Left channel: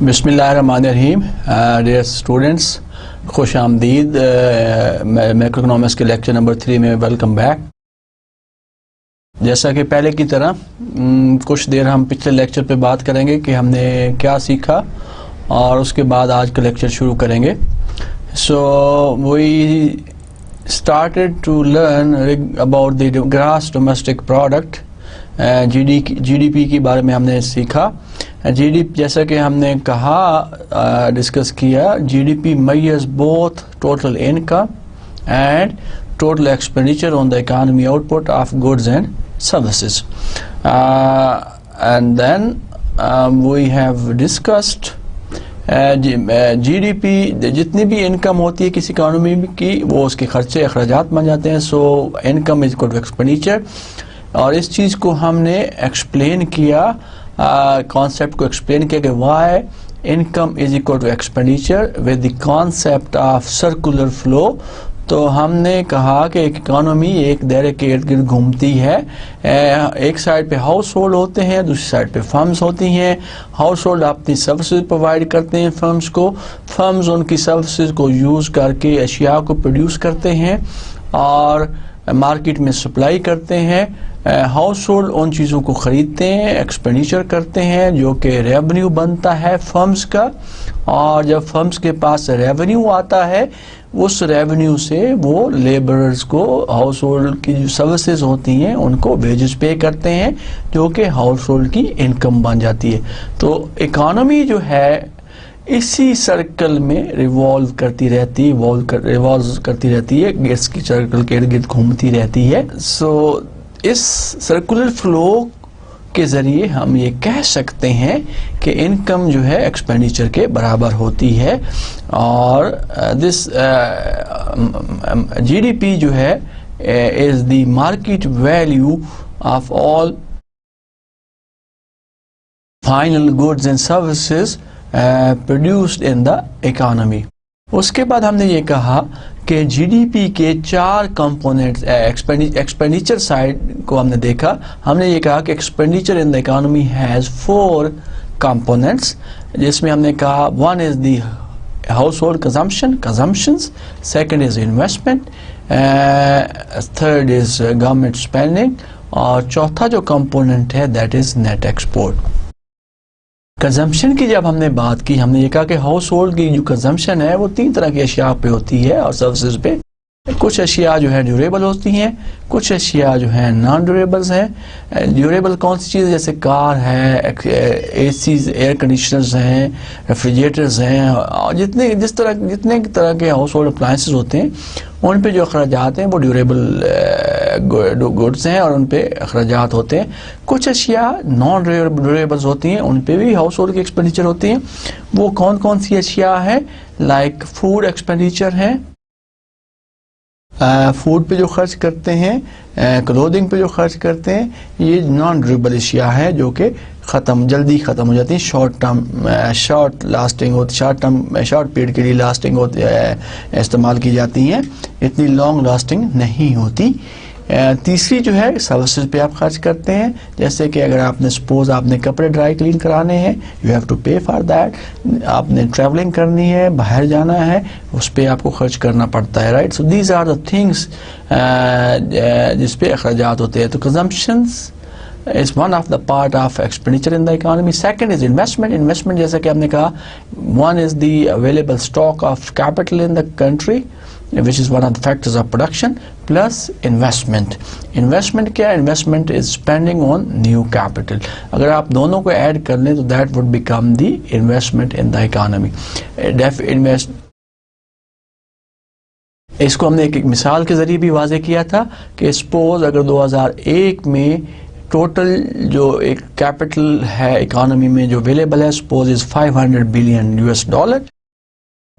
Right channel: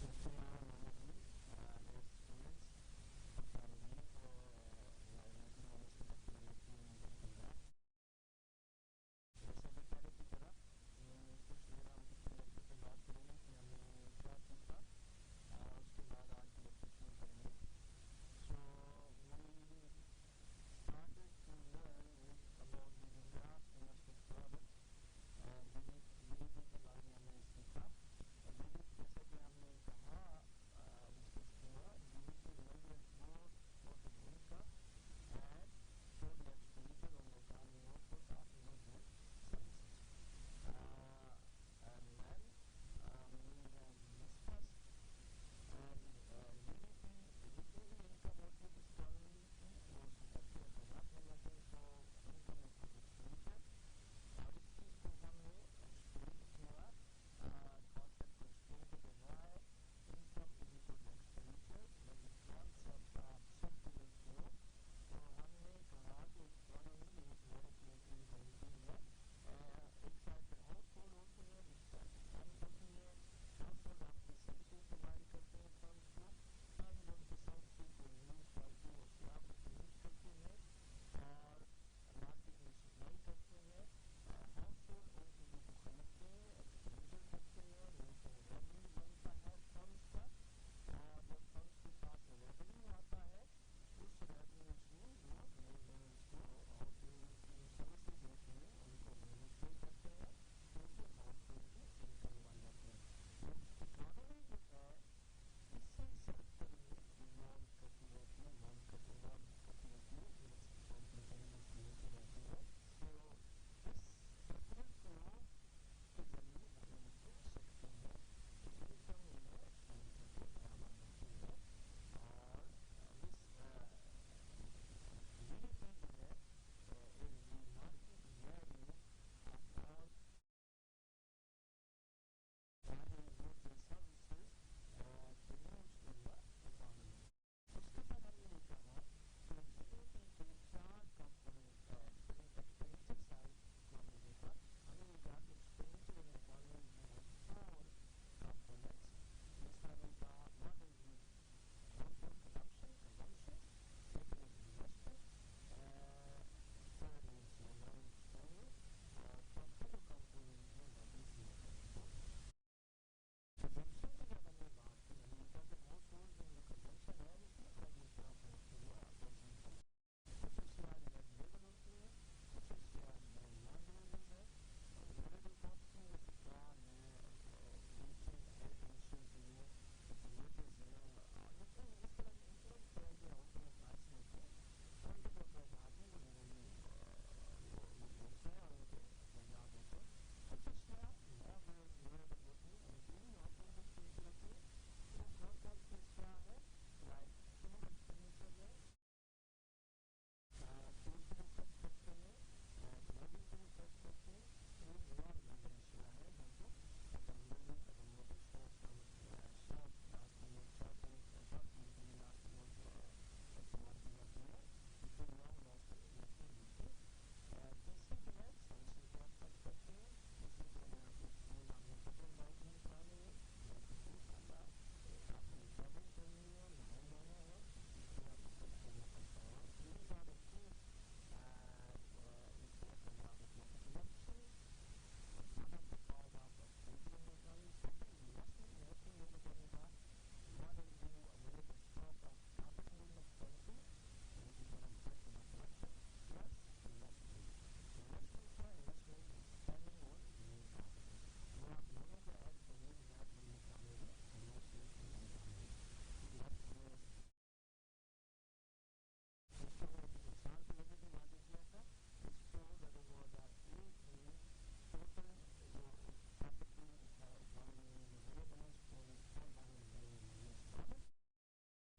बिस्मिल्लाहिर्रहमानिर्रहीम। Dear students, खुश आमदीद मैक्रोइकोनॉमिक्स के लेक्चर नंबर 3 में वेलकम बैक। जैसा कि पहले की तरह कुछ देर हम पिछले लेक्चर पे बात करेंगे कि हमने क्या सीखा और उसके बाद आज का लेक्चर शुरू करेंगे। So we started to learn about the gross domestic product. GDP के बारे में हमने सीखा। जीडीपी जैसा कि हमने कहा डिस्कस किया, GDP measures both total income and total expenditure on the economy output of goods and services. And then we have discussed GDP जितनी भी इनकम होती है किसी इकानमी की वो उसके खर्चे अखराजात बन जाते हैं। So income is equal to expenditure, और इस चीज़ को हमने एक्सप्लेन किया, कॉन्सेप्ट को एक्सप्लेन किया कि why income is equal to expenditure with the concept of circular flow. तो हमने कहा कि एक इकानमी एक दायरे के इर्द गिर्द घूमती है। एक साइड पे हाउस होल्ड होते हैं, दूसरी साइड पे फर्म्स होती हैं। हाउस होल्ड अपनी सर्विसेज प्रोवाइड करते हैं फर्म्स को, फर्म्स उनकी सर्विसेज को यूज़ करके अशिया को प्रोड्यूस करते हैं और मार्केट में सप्लाई करते हैं। हाउस होल्ड उन चीज़ों को ख़रीदते हैं, एक्सपेंडिचर करते हैं, जो कि रेवेन्यू बनता है फर्म्स का। और जब फर्म्स के पास रेवेन्यू आता है, उस रेवेन्यू से वो लेबरर्स को हाउस होल्ड की जो सर्विसेज होती हैं उनको वेजेस पे करते हैं, जो कि हाउस होल्ड की इनकम बन जाती है। तो इकानमी जो है इसी सर्कल में रिवॉल्व करती रहती है, गैस की सर्कल के इर्द गिर्द घूमती रहती है। सो इस सर्कुलर फ्लो के ज़रिए हम ये कह सकते हैं कि इनकम जो है एक्सपेंडिचर के बराबर होती है। और दिस जीडीपी जो है is the market value of all final goods and services produced in the economy. उसके बाद हमने ये कहा कि जीडीपी के 4 कंपोनेंट्स, एक्सपेंडिचर साइड को हमने देखा। हमने ये कहा कि expenditure in the economy has 4 components, जिसमें हमने कहा 1 is the house hold consumptions, second is investment, third is government spending, और चौथा जो कंपोनेंट है that is net export. Consumption की जब हमने बात की, हमने ये कहा कि हाउस होल्ड की जो कंजम्पशन है वो 3 तरह की अशिया पे होती है और सर्विसेज पे। कुछ अशिया जो है ड्यूरेबल होती हैं, कुछ अशिया जो है नॉन ड्यूरेबल्स हैं। ड्यूरेबल कौन सी चीज़, जैसे कार है, एसीज, एयर कंडीशनर्स हैं, रेफ्रिजरेटर्स हैं, और जितने तरह के हाउस होल्ड अप्लायंसेस होते हैं उन पे जो अखराजात हैं वो ड्यूरेबल गुड्स हैं और उन पे अखराजात होते हैं। कुछ अशिया नॉन ड्यूरेबल्स होती हैं, उन पे भी हाउस होल्ड की एक्सपेंडिचर होती हैं। वो कौन कौन सी अशिया है, लाइक फूड एक्सपेंडिचर है, फूड पे जो खर्च करते हैं, क्लोथिंग पे जो खर्च करते हैं, ये नॉन ड्यूरेबल अशिया है जो कि जल्दी ख़त्म हो जाती है, शॉर्ट पीरियड के लिए लास्टिंग होती है, इस्तेमाल की जाती हैं, इतनी लॉन्ग लास्टिंग नहीं होती। तीसरी जो है सर्विसेज पे आप खर्च करते हैं, जैसे कि अगर आपने सपोज आपने कपड़े ड्राई क्लीन कराने हैं, यू हैव टू पे फॉर दैट। आपने ट्रैवलिंग करनी है, बाहर जाना है, उस पर आपको खर्च करना पड़ता है, right. So these are the things जिस पे अखराजात होते हैं। तो consumptions is one of the part of expenditure in the economy. Second is investment जैसा कि हमने कहा, one is the available stock of capital in the country, which is one of the factors of production, plus investment क्या, investment is spending on new capital। अगर आप दोनों को add कर लें तो that would become the investment in the economy। इसको हमने एक मिसाल के जरिए भी वाज़े किया था कि सपोज अगर 2001 में टोटल जो एक कैपिटल है इकोनॉमी में जो अवेलेबल है, सपोज इज $500 बिलियन,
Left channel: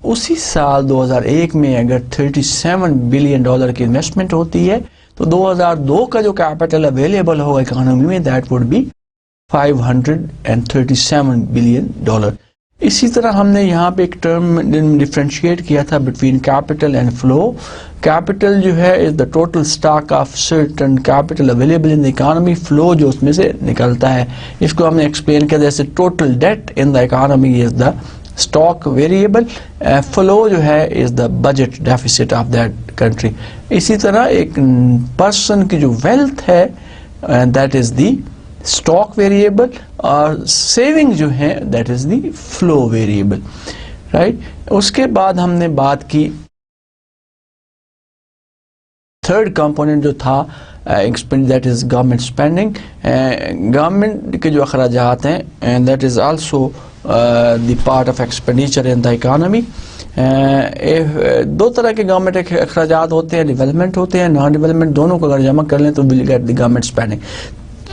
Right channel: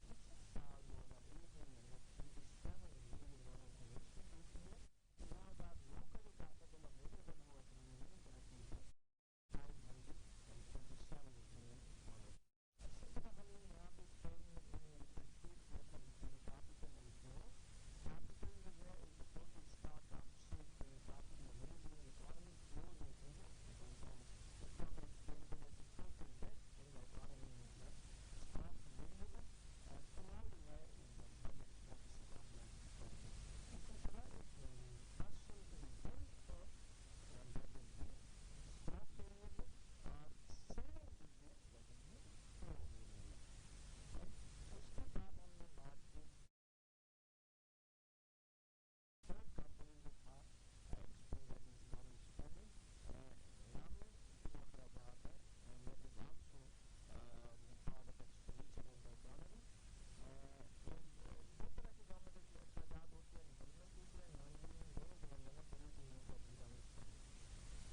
उसी साल 2001 में अगर $37 बिलियन की इन्वेस्टमेंट होती है तो 2002 का जो कैपिटल अवेलेबल होगा इकोनॉमी में दैट वुड बी $537 बिलियन। इसी तरह हमने यहाँ पे एक टर्म डिफ्रेंशिएट किया था between capital and flow. Capital जो है is the total stock of certain capital available in the economy, flow जो उसमें से निकलता है। इसको हमने एक्सप्लेन किया जैसे total date in the economy is the stock variable, flow जो है is the budget deficit of that country. इसी तरह एक पर्सन की जो वेल्थ है that is the stock variable, और सेविंग जो है that is the flow variable, right. उसके बाद हमने बात की थर्ड कंपोनेंट जो था that is government spending. Government के जो अखराजात हैं and that is also the part of expenditure in the economy. दो तरह के गवर्नमेंट अखराजात होते हैं, डेवलपमेंट होते हैं, नॉन डेवलपमेंट, दोनों को अगर जमा कर लें तो will get the government spending.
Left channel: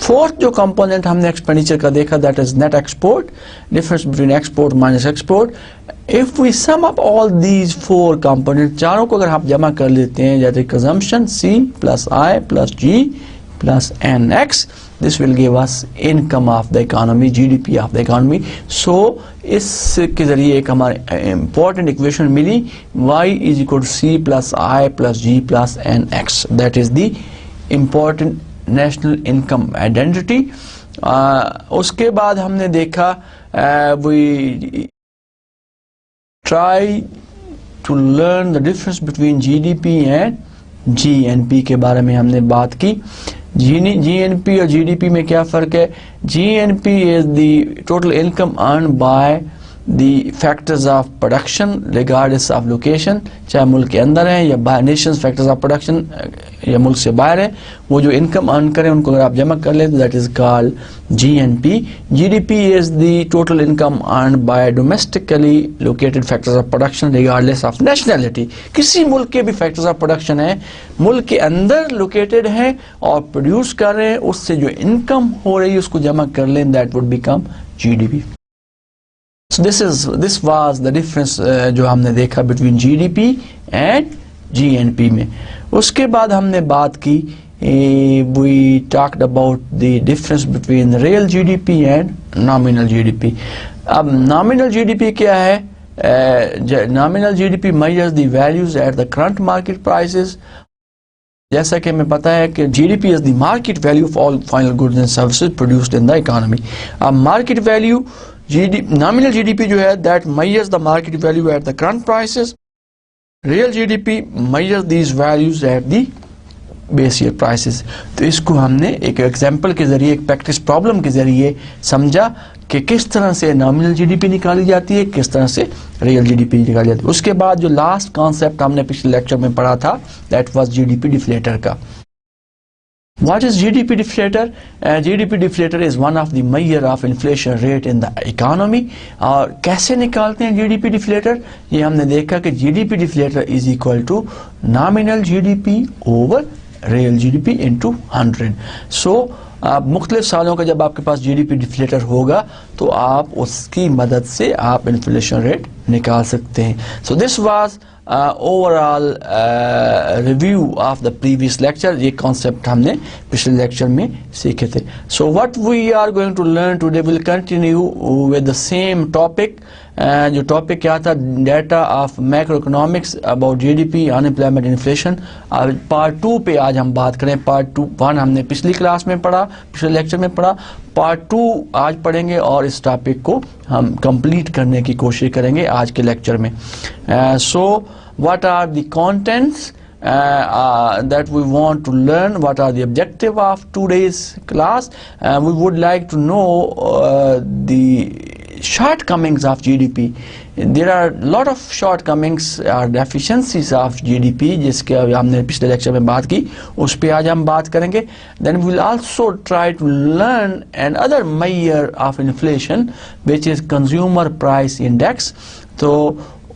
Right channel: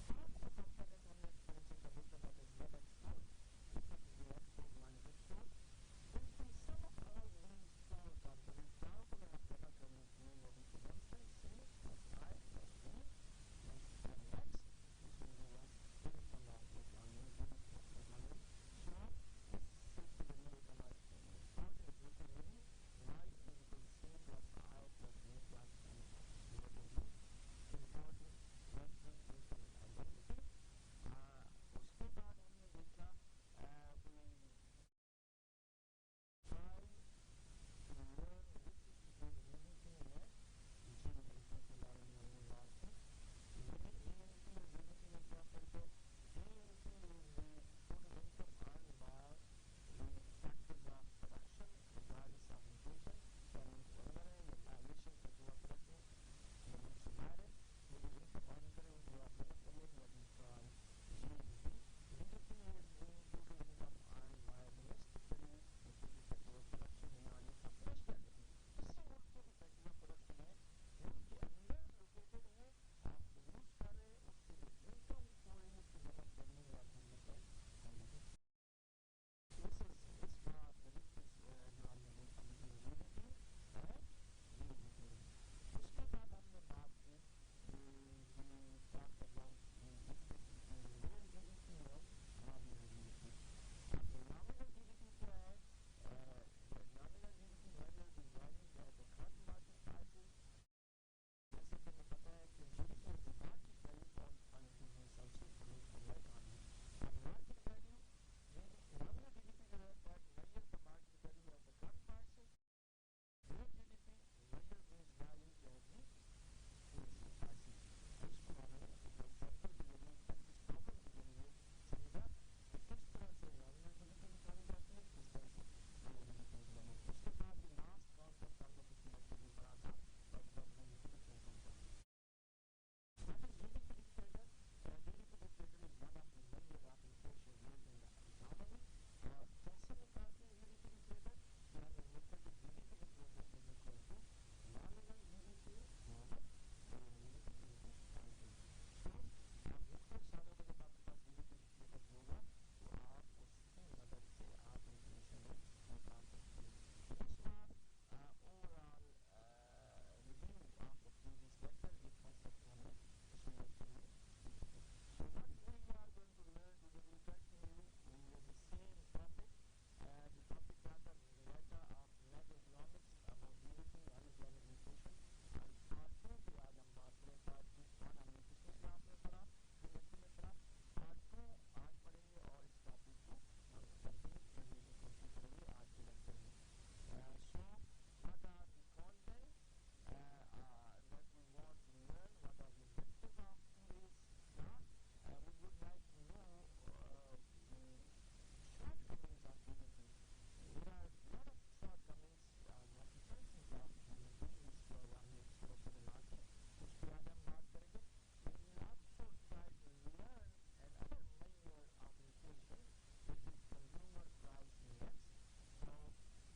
Fourth जो कंपोनेंट हमने एक्सपेंडिचर का देखा that is net export, difference between export minus export. If we sum up all these four component, चारों को अगर आप जमा कर लेते हैं जैसे consumption C plus I plus G plus NX, this will give us income of the economy, GDP of the economy. So इसके जरिए एक हमारे important equation milli, Y is equal to C plus I plus G plus NX, that is the important national income identity. उसके बाद हमने देखा we try to learn the difference between GDP and GNP के बारे में हमने बात की। GNP और GDP में क्या फ़र्क है? GNP is the total income earn by the factors of production regardless of location, चाहे मुल्क के अंदर हैं या बाहर, nations factors of production या मुल्क से बाहर है, वो जो इनकम अर्न करें उनको अगर आप जमा कर लें तो that is called GNP. GDP is the total income earned by domestically located factors of production regardless of nationality. किसी मुल्क के भी factors of production है, मुल्क के अंदर लोकेटेड हैं और प्रोड्यूस कर रहे हैं, उससे जो इनकम हो रही है उसको जमा कर लें, that would become GDP. So this was the difference जो हमने देखा between GDP and GNP में। उसके बाद हमने बात की we talked about the difference between real GDP and nominal GDP. अब nominal GDP क्या है? Nominal GDP measures the values at the current market prices. जैसा कि हमें पता है कि GDP is the market value of all final goods and services produced in the economy. अब market value nominal GDP जो है that measures the market value at the current prices. Real GDP measures these values at the base year prices. तो इसको हमने एक example के जरिए, एक प्रैक्टिस प्रॉब्लम के जरिए समझा कि किस तरह से नॉमिनल GDP निकाली जाती है, किस तरह से रियल GDP निकाली जाती है। उसके बाद जो लास्ट कॉन्सेप्ट हमने पिछले लेक्चर में पढ़ा था दैट वाज GDP डिफ्लेटर का। What is GDP deflator? GDP deflator is one of the measure of inflation rate in the economy. और कैसे निकालते हैं GDP deflator? ये हमने देखा कि GDP deflator is equal to nominal GDP over real GDP into 100. So मुख्तलिफ सालों का जब आपके पास GDP deflator होगा तो आप उसकी मदद से आप इन्फ्लेशन रेट निकाल सकते हैं। So this was overall review of the previous lecture. ये concept हमने पिछले lecture में सीखे थे। So what we are going to learn today will continue with the same topic. जो टॉपिक क्या था? Data of macroeconomics about GDP, unemployment, inflation. Part 2 पे आज हम बात करें। पार्ट 1 हमने पिछली क्लास में पढ़ा, पिछले लेक्चर में पढ़ा। पार्ट 2 आज पढ़ेंगे और इस टॉपिक को हम कंप्लीट करने की कोशिश करेंगे आज के लेक्चर में। So what are the contents that we want to learn? What are the objective of today's class? We would like to know the shortcomings of GDP. There are a lot of shortcomings or deficiencies of GDP जिसके हमने पिछले lecture में बात की, उस पे आज हम बात करेंगे। Then we will also try to learn another measure of inflation which is consumer price index. तो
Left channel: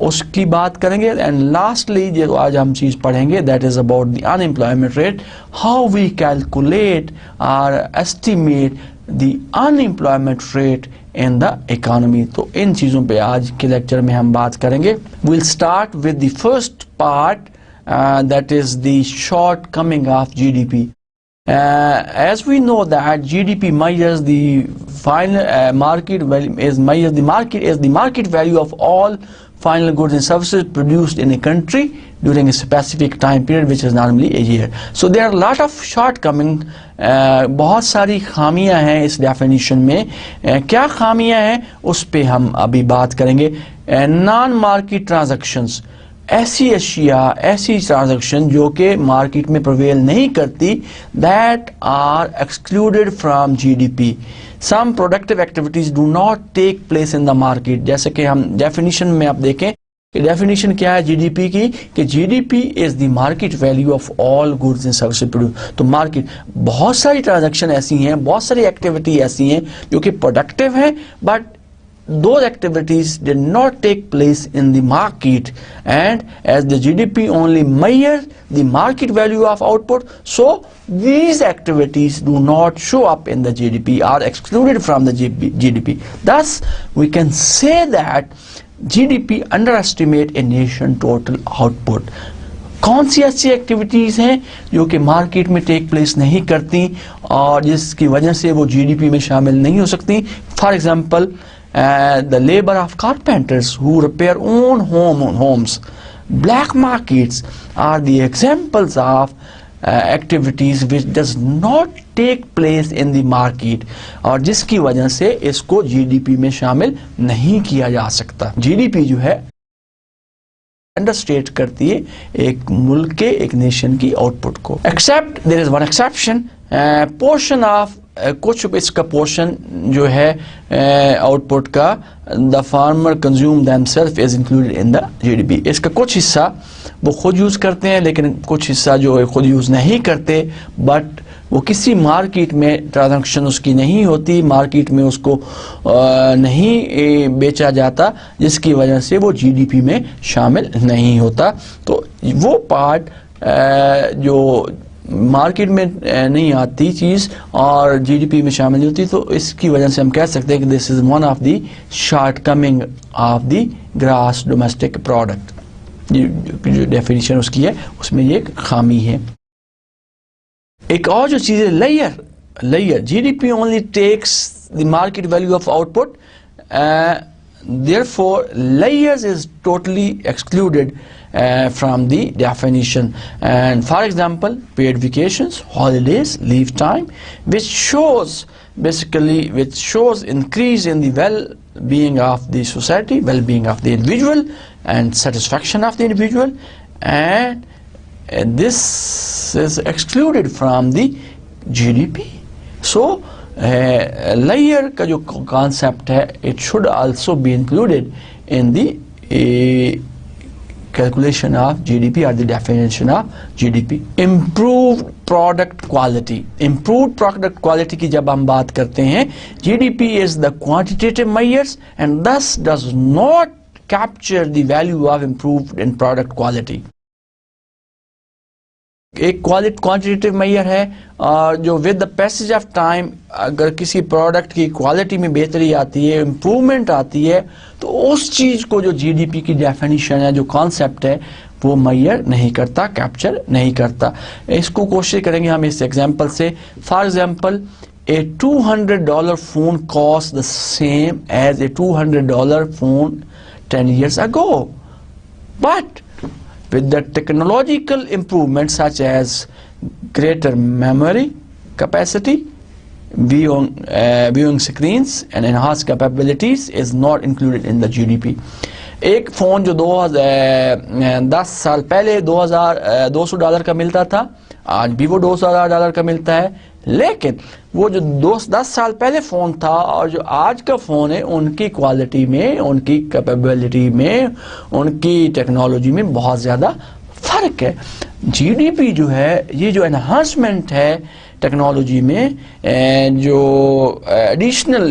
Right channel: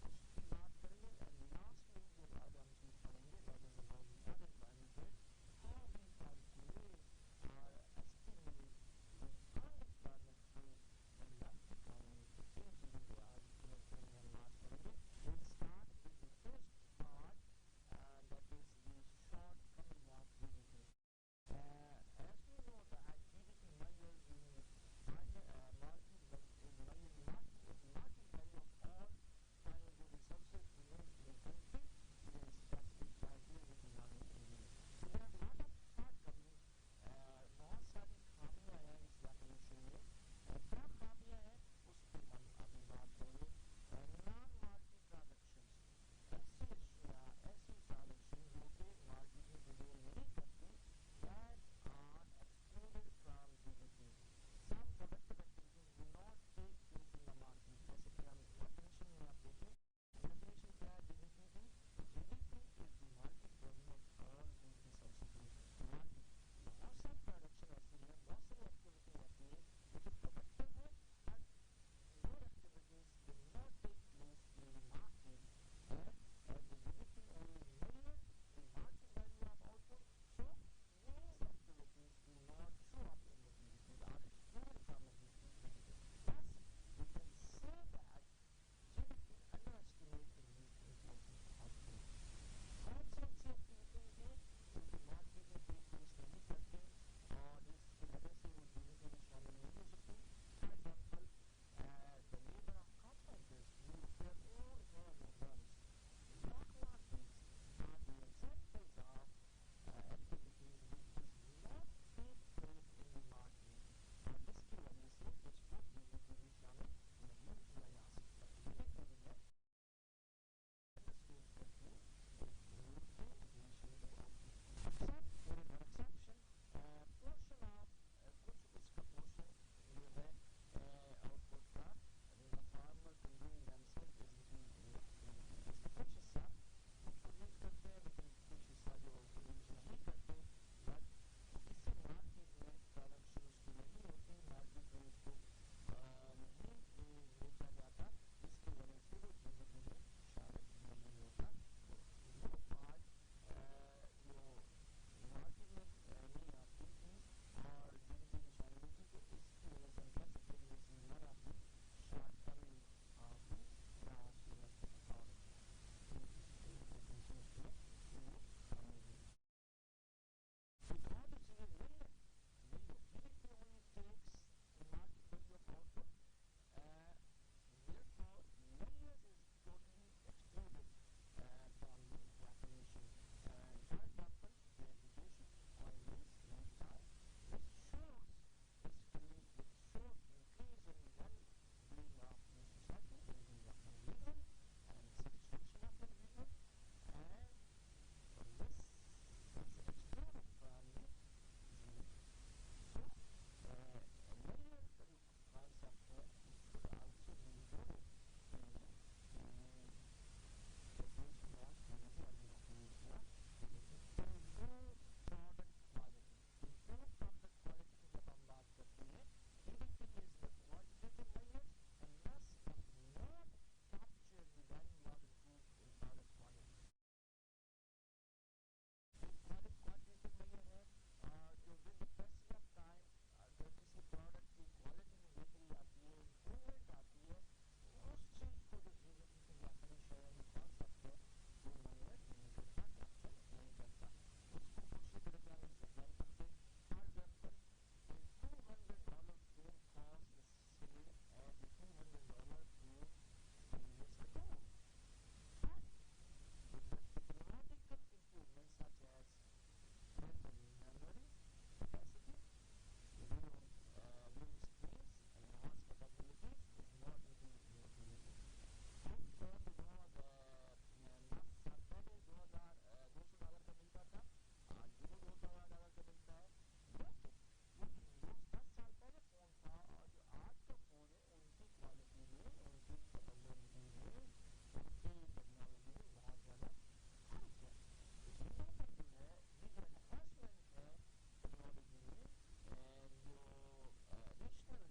उसकी बात करेंगे। एंड लास्टली जो आज हम चीज़ पढ़ेंगे that is about the unemployment rate, how we calculate और estimate the unemployment rate in the economy. तो इन चीज़ों पे आज के लेक्चर में हम बात करेंगे। Will start with the first part that is the shortcoming of GDP। As we know that GDP measures the final market value is the market value of all final goods and services produced in a country during a specific time period, which is normally a year. So there are a lot of shortcoming. बहुत सारी खामियां हैं इस definition में. क्या खामियां हैं उस पे हम अभी बात करेंगे. नॉन मार्केट ट्रांजैक्शंस, ऐसी अशिया, ऐसी ट्रांजैक्शन जो कि मार्केट में प्रिवेल नहीं करती, that are excluded from GDP. Some productive activities do not take place in the market. जैसे कि हम डेफिनेशन में आप देखें कि डेफिनेशन क्या है जीडीपी की, कि GDP is the market value of all goods and services produce. तो मार्केट, बहुत सारी ट्रांजैक्शन ऐसी हैं, बहुत सारी एक्टिविटी ऐसी हैं जो कि प्रोडक्टिव हैं, but those activities did not take place in the market, and as the GDP only measures the market value of output, so these activities do not show up in the GDP, are excluded from the GDP. Thus we can say that GDP underestimate a nation total output. कौन सी ऐसी activities हैं जो कि market में take place नहीं करती और जिसकी वजह से वो जीडीपी में शामिल नहीं हो सकती. For example, the labor of carpenters who repair own homes. Black markets are the examples of activities which does not take place in the market, और जिसकी वजह से इसको जीडीपी में शामिल नहीं किया जा सकता. जीडीपी जो है अंडरस्टेट करती है एक मुल्क के, एक नेशन की आउटपुट को. Except there is one exception, portion of कुछ इसका पोर्शन जो है आउटपुट का, the farmer consume themselves is included in the GDP. इसका कुछ हिस्सा वो खुद यूज़ करते हैं, लेकिन कुछ हिस्सा जो है खुद यूज़ नहीं करते, बट वो किसी मार्केट में ट्रांजैक्शन उसकी नहीं होती, मार्केट में उसको नहीं बेचा जाता, जिसकी वजह से वो जीडीपी में शामिल नहीं होता. तो वो पार्ट जो मार्केट में नहीं आती चीज़ और जीडीपी में शामिल नहीं होती, तो इसकी वजह से हम कह सकते हैं कि this is one of the shortcoming of the gross domestic product. जो डेफिनेशन उसकी है उसमें ये एक खामी है. एक और जो चीज़ है layer. GDP only takes the market value of output, therefore layers is totally excluded from the definition. And for example, paid vacations, holidays, leave time, which shows increase in the well-being of the society, well-being of the individual, and satisfaction of the individual, and this is excluded from the GDP. So layer का जो concept है, it should also be included in the calculation of GDP or the definition of GDP. Improved product quality. Improved product quality की जब हम बात करते हैं, GDP is the quantitative measures and thus does not capture the value of improved in product quality. एक quantitative major है और जो with the passage of time अगर किसी प्रोडक्ट की क्वालिटी में बेहतरी आती है, इम्प्रूवमेंट आती है, तो उस चीज़ को जो जीडीपी की डेफिनेशन है, जो कॉन्सेप्ट है, वो मेजर नहीं करता, कैप्चर नहीं करता. इसको कोशिश करेंगे हम इस एग्जांपल से. For example, a $200 phone costs the same as a $200 phone 10 years ago, but with the technological improvements such as greater memory capacity, viewing screens and enhanced capabilities is not included in the GDP. एक phone जो 10 साल पहले $200 का मिलता था, आज भी वो $200 का मिलता है, लेकिन वो जो 10 साल पहले फ़ोन था और जो आज का फ़ोन है, उनकी क्वालिटी में, उनकी कैपेबिलिटी में, उनकी टेक्नोलॉजी में बहुत ज़्यादा फ़र्क है. जीडीपी जो है, ये जो एनहांसमेंट है टेक्नोलॉजी में, जो एडिशनल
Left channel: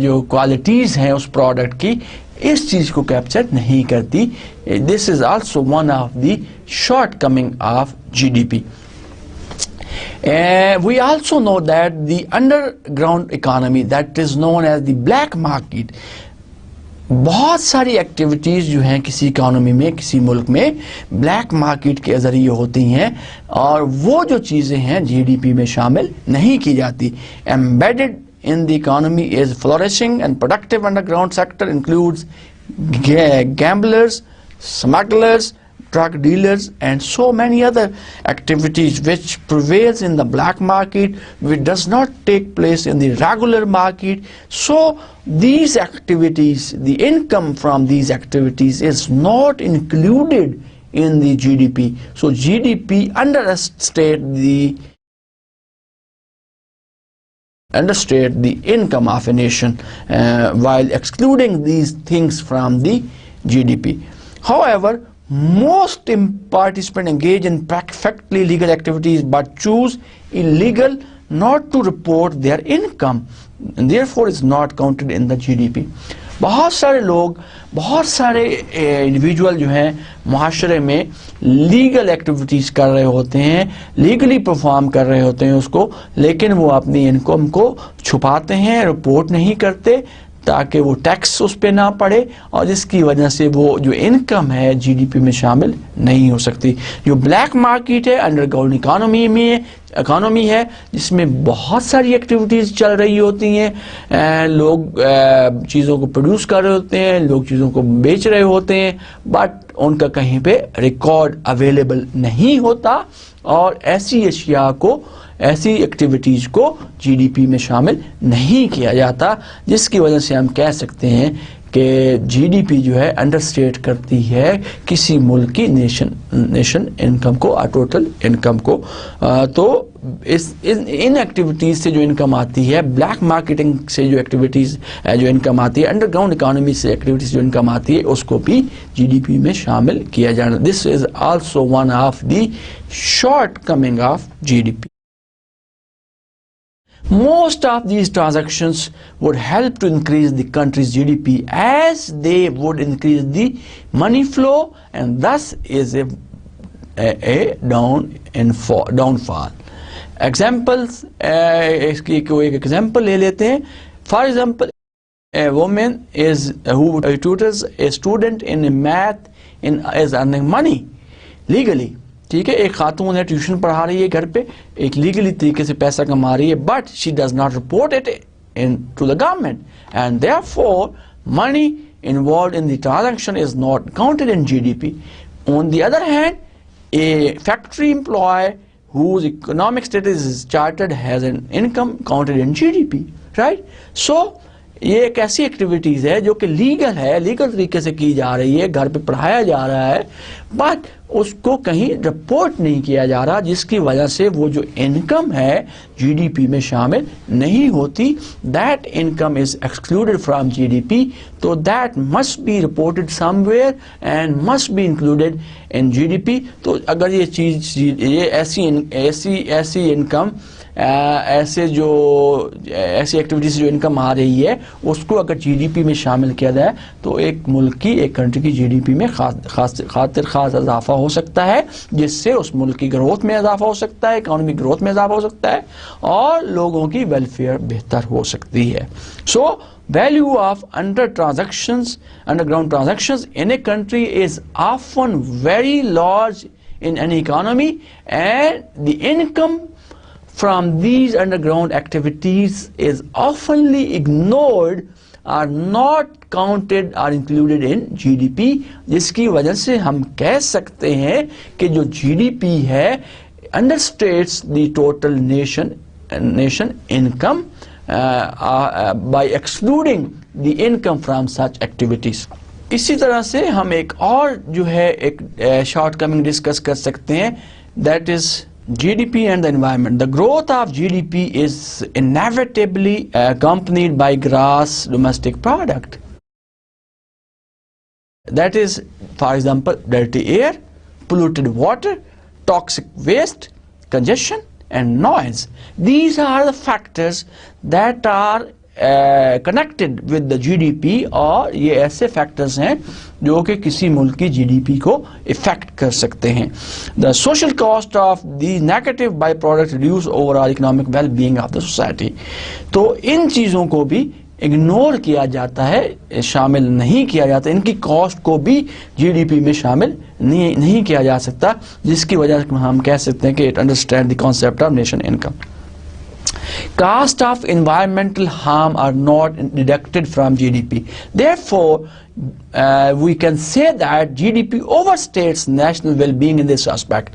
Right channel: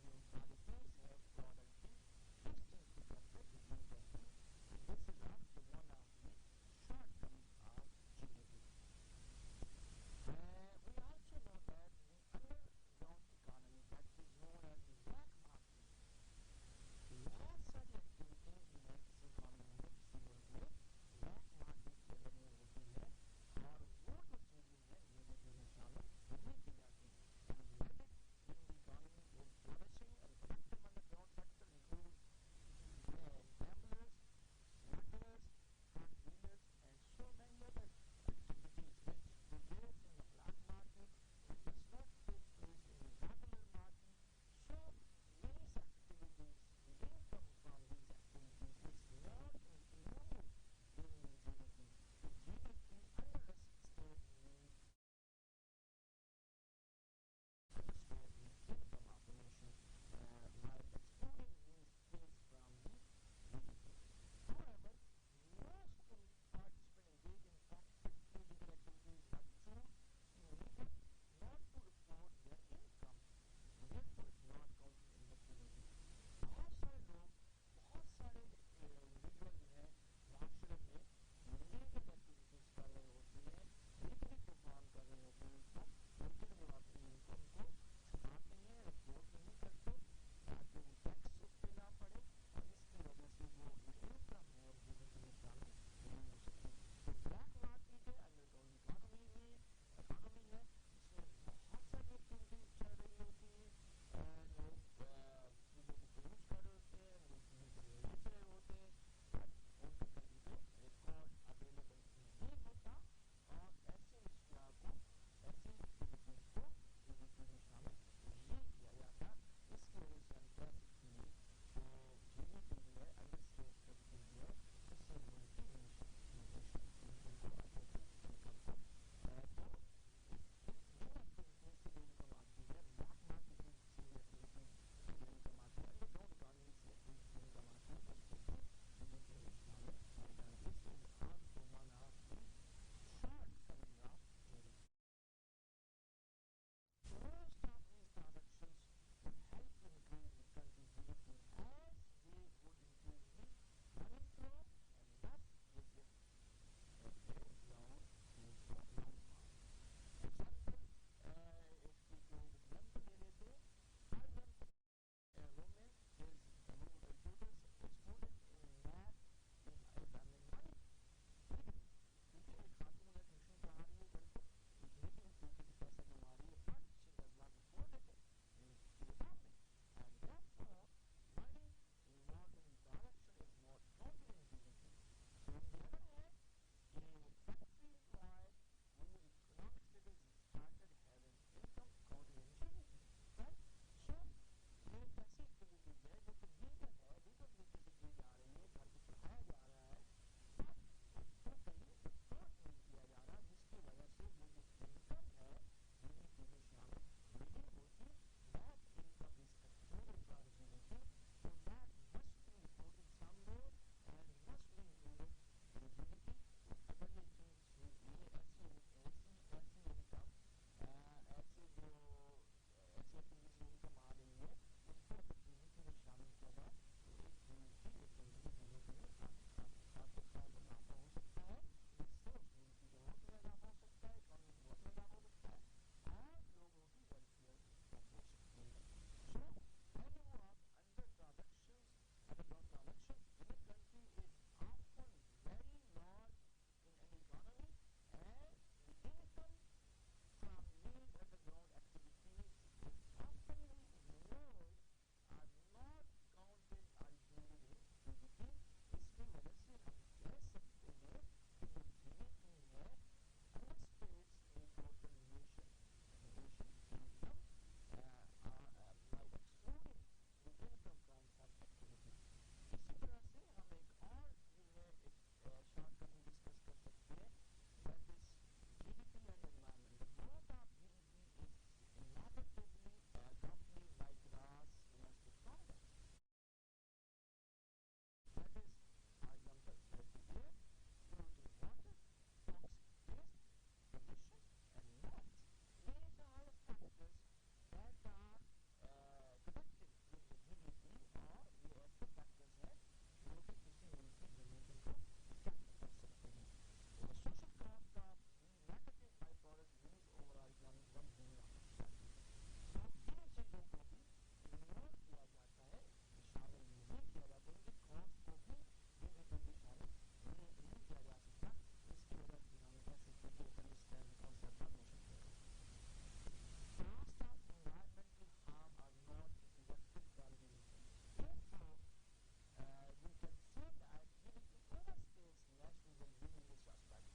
जो क्वालिटीज़ हैं उस प्रोडक्ट की, इस चीज़ को कैप्चर नहीं करती. This is also one of the shortcoming of GDP. We also know that the underground economy, that is known as the black market, बहुत सारी एक्टिविटीज़ जो हैं किसी इकानमी में, किसी मुल्क में ब्लैक मार्केट के ज़रिए होती हैं और वो जो चीज़ें हैं जीडीपी में शामिल नहीं की जाती। Embedded in the economy is flourishing and productive underground sector includes gamblers, smugglers, drug dealers and so many other activities which prevails in the black market, which does not take place in the regular market. So these activities, the income from these activities is not included in the GDP. So GDP understate the income of a nation while excluding these things from the GDP. However, most participants engage in perfectly legal activities but choose illegal not to report their income and therefore is not counted in the GDP. बहुत सारे लोग, बहुत सारे individual जो हैं मुआशरे में legal activities कर रहे होते हैं, लीगली परफॉर्म कर रहे होते हैं उसको, लेकिन वो अपनी इनकम को छुपाते हैं, रिपोर्ट नहीं करते ताकि वो टैक्स उस पर ना पड़े और जिसकी वजह से वो जो इनकम है जीडीपी में शामिल नहीं हो सकती। जो ब्लैक मार्केट है अंडरग्राउंड इकानमी है जिसमें बहुत सारी एक्टिविटीज़ चल रही होती हैं, लोग चीज़ों को प्रोड्यूस कर रहे होते हैं, लोग चीज़ों को बेच रहे होते हैं, बट उनका कहीं पे रिकॉर्ड अवेलेबल नहीं होता और ऐसी एक्टिविटीज़ को जीडीपी में शामिल नहीं किया जाता, जिसकी वजह से हम कह सकते हैं कि जीडीपी जो है अंडरस्टेट करती है किसी मुल्क की नेशन इनकम को और टोटल इनकम को। तो इन एक्टिविटीज़ से जो इनकम आती है, ब्लैक मार्केटिंग से जो एक्टिविटीज़ जो इनकम आती है, अंडरग्राउंड इकोनॉमी से एक्टिविटीज़ जो इनकम आती है, उसको भी जीडीपी में शामिल किया जाना। This is also one of the shortcoming of GDP. Most of these transactions would help to increase the country's GDP as they would increase the money flow and thus is a downfall. Examples, इसकी कोई एक example ले लेते हैं. For example, a woman who tutors a student in math is earning money legally. ठीक है, एक खातून है ट्यूशन पढ़ा रही है घर पे, एक लीगली तरीके से पैसा कमा रही है, but she does not report it into the government and therefore money involved in the transaction is not counted in GDP. On the other hand, a factory employ whose economic status is chartered has an income counted in GDP, right? So ये एक ऐसी activities है जो कि legal है, legal तरीके से की जा रही है, घर पे पढ़ाया जा रहा है, बट उसको कहीं रिपोर्ट नहीं किया जा रहा, जिसकी वजह से वो जो इनकम है जीडीपी में शामिल नहीं होती. That income is excluded from GDP, तो that must be reported somewhere and must be included in GDP. तो अगर ये चीज़, ये ऐसी इनकम, ऐसी एक्टिविटीज़ जो इनकम आ रही है, उसको अगर जीडीपी में शामिल किया जाए तो एक मुल्क की, एक कंट्री की जीडीपी में खास इजाफा हो सकता है, जिससे उस मुल्क की ग्रोथ में इजाफा हो सकता है, इकोनॉमिक ग्रोथ में इजाफा हो सकता है और लोगों की वेलफेयर बेहतर हो सकती है. सो value of underground transactions in a country is often very large in an economy, and the income from these underground activities is oftenly ignored or not counted or included in GDP, जिसकी वजह से हम कह सकते हैं कि जो GDP है understates the total nation income by excluding the income from such activities. इसी तरह से हम एक और जो है एक shortcoming डिस्कस कर सकते हैं, that is GDP and the environment. The growth of GDP is inevitably accompanied by gross domestic product. That is, for example, dirty air, polluted water, toxic waste, congestion and noise. These are the factors that are connected with the GDP, और ये ऐसे factors हैं जो कि किसी मुल्क की GDP को इफेक्ट कर सकते हैं. The social cost of these negative byproducts reduce overall economic well-being of the society. तो इन चीज़ों को भी इग्नोर किया जाता है, शामिल नहीं किया जाता, इनकी कॉस्ट को भी जीडीपी में शामिल नहीं किया जा सकता, जिसकी वजह से हम कह सकते हैं कि it understand the concept of nation income. Cost of environmental harm are not deducted from GDP. Therefore, we can say that GDP overstates national well-being in this aspect.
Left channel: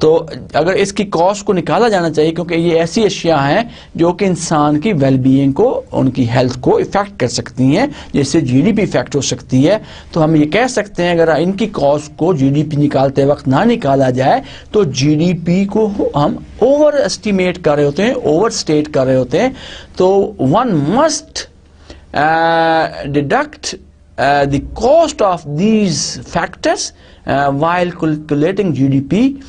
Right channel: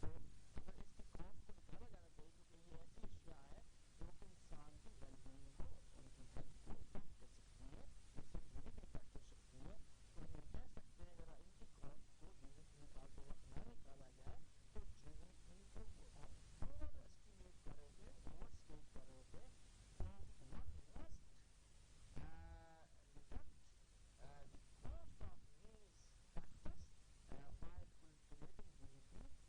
तो अगर इसकी कॉस्ट को निकाला जाना चाहिए, क्योंकि ये ऐसी अशिया हैं जो कि इंसान की वेलबीइंग को, उनकी हेल्थ को इफेक्ट कर सकती हैं, जिससे जीडीपी इफेक्ट हो सकती है. तो हम ये कह सकते हैं अगर इनकी कॉस्ट को जीडीपी निकालते वक्त ना निकाला जाए तो जीडीपी को हम ओवर एस्टिमेट कर रहे होते हैं, ओवर स्टेट कर रहे होते हैं. तो one must deduct the cost of these factors while calculating GDP.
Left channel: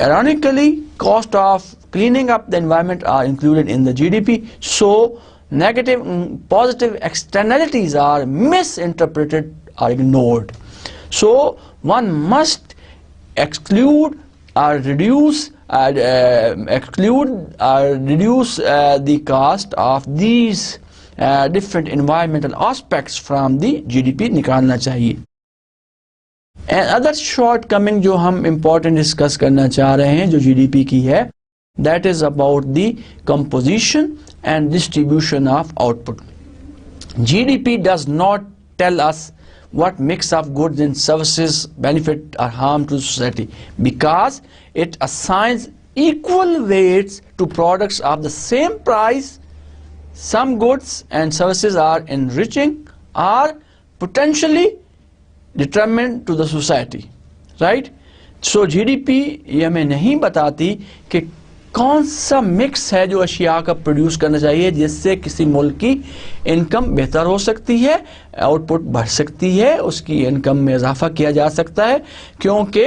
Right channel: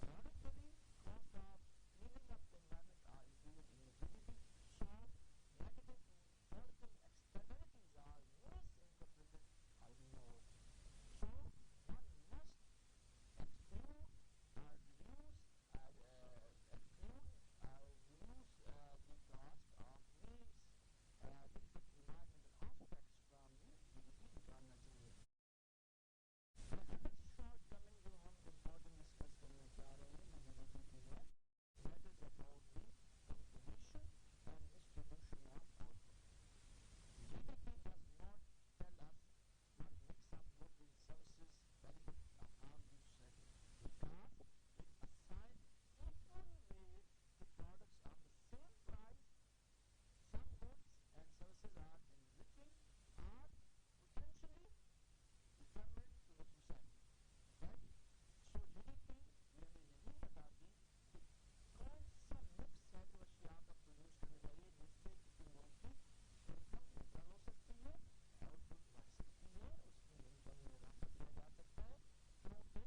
Ironically, cost of cleaning up the environment are included in the GDP, so negative and positive externalities are misinterpreted or ignored. So one must exclude or reduce the cost of these different environmental aspects from the GDP निकालना चाहिए. And other shortcoming जो हम important discuss करना चाह रहे हैं जो GDP की है, that is about the composition and distribution of output. GDP does not tell us what mix of goods and services benefit or harm to society, because it assigns equal weights to products of the same price. Some goods and services are enriching or potentially detriment to the society, right? So GDP ये हमें नहीं बताती कि कौन सा mix है जो अशिया का प्रोड्यूस करना चाहिए जिससे किसी मुल्क की इनकम बेहतर हो सकती है, आउटपुट बढ़ सकती है, उसकी इनकम में इजाफा किया जा सकता है, क्योंकि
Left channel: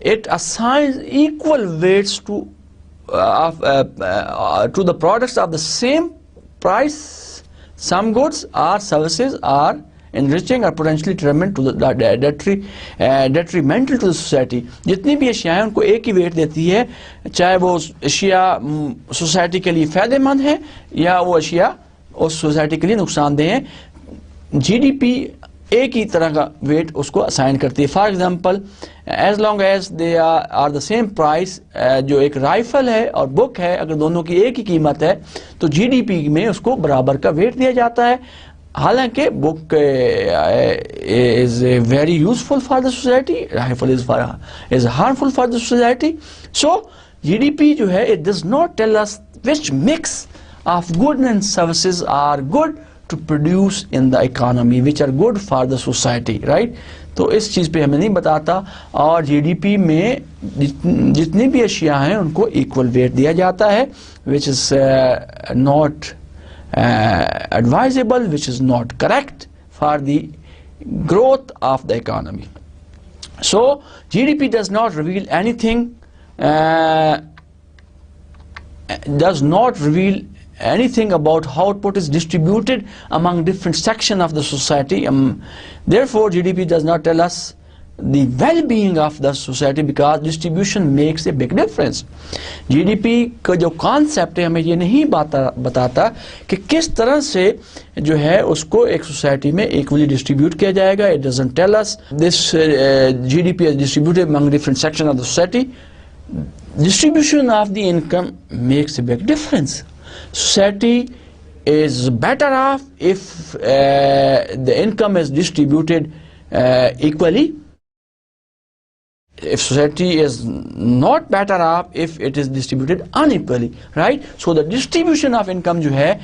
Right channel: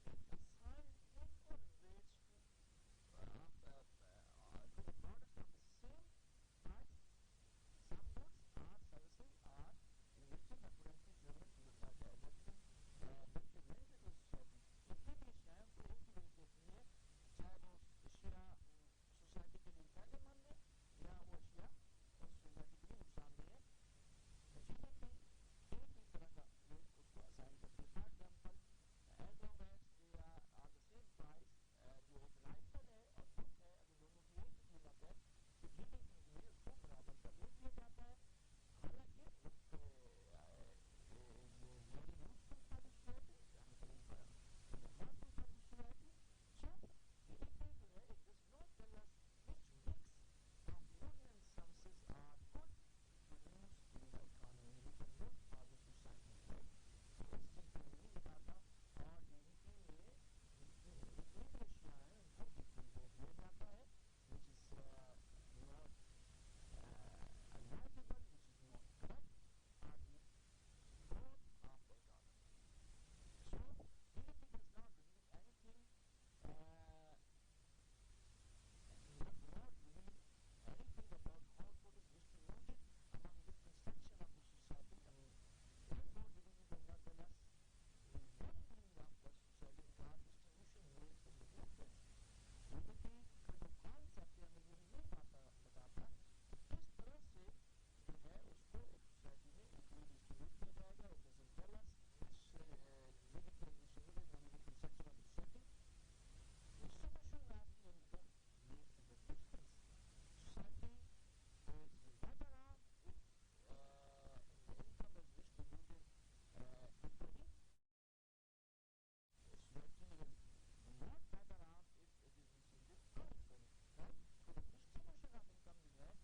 it assigns equal weights to the products of the same price. Some goods or services are enriching or potentially detrimental to the society. जितनी भी अशिया हैं उनको एक ही वेट देती है, चाहे वो अशिया सोसाइटी के लिए फ़ायदेमंद है या वो अशिया उस सोसाइटी के लिए नुकसानदेह है. जीडीपी एक ही तरह का वेट उसको असाइन करती है. For example, as long as they are the same price, जो एक राइफल है और बुक है, अगर दोनों की एक ही कीमत है तो जीडीपी में उसको बराबर का वेट दिया जाता है. हालांकि book is very useful for the society, rifle is harmful for the society. So GDP जो है, it does not tell us which mix of goods and services are good to produce in the economy, which are good for the society, right? तो इस चीज़ पे हमें नहीं बताता. और GDP में जितनी भी अशिया हैं उनको इक्वल वेट दिया जाता है, which is not advisable, which is not correct for the growth of the economy. So GDP does not reveal anything, about how output is distributed among different sections of the society. Therefore, GDP does not tell us the well-being of the society, because distribution makes a big difference. GDP का जो concept है हमें ये नहीं बताता कि किस तरह से जो है उसको एक society में equally distribute किया जाएगा. It doesn't tell us this GDP is distributed among different sections of the society. Distribution of the income makes a big difference. Society is better off if the income is distributed equally. If society is not better off if it is distributed unequally, right? So the distribution of income जो है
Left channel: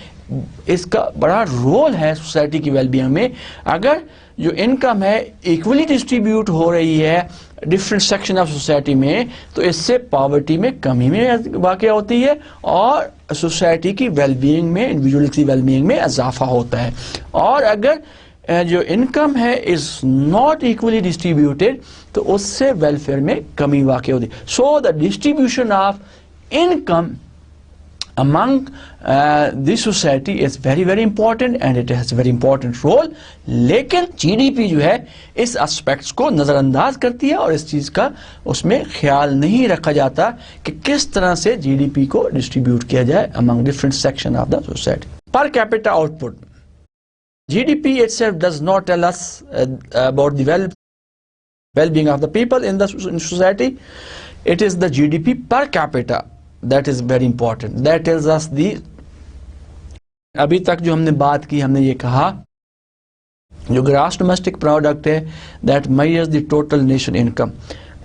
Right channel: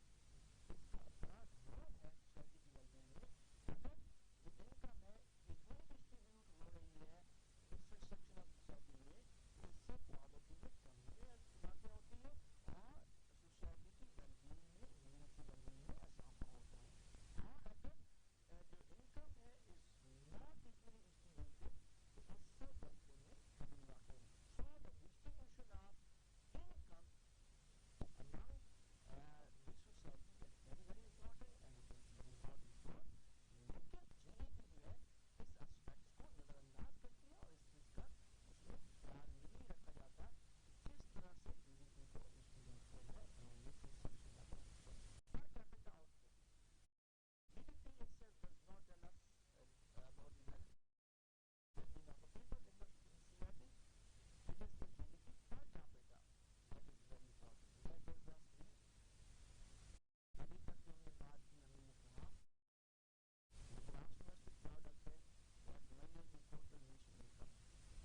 इसका बड़ा role है society की wellbeing में. अगर जो income है इक्वली डिस्ट्रीब्यूट हो रही है डिफरेंट सेक्शन ऑफ सोसाइटी में, तो इससे पॉवर्टी में कमी में वाक़या होती है और सोसाइटी की वेलबीइंग में, इंडिविजुअल की वेलबीइंग में इजाफा होता है. और अगर जो इनकम है इज़ नॉट इक्वली डिस्ट्रीब्यूटेड तो उससे वेलफेयर में कमी वाक़या होती है. So the distribution of income among this society is very very important and it has a very important role. लेकिन जीडीपी जो है इस एस्पेक्ट्स को नज़रअंदाज करती है और इस चीज़ का उसमें ख्याल नहीं रखा जाता कि किस तरह से जीडीपी को डिस्ट्रीब्यूट किया जाए among different section of the society. Per capita output. GDP itself does not tell us about the well-being of the people in the society. It is the GDP per capita that is very important. That tells us the, अभी तक जो हमने बात की, हमने ये कहा जो ग्रॉस डोमेस्टिक प्रोडक्ट है that measures the total nation income,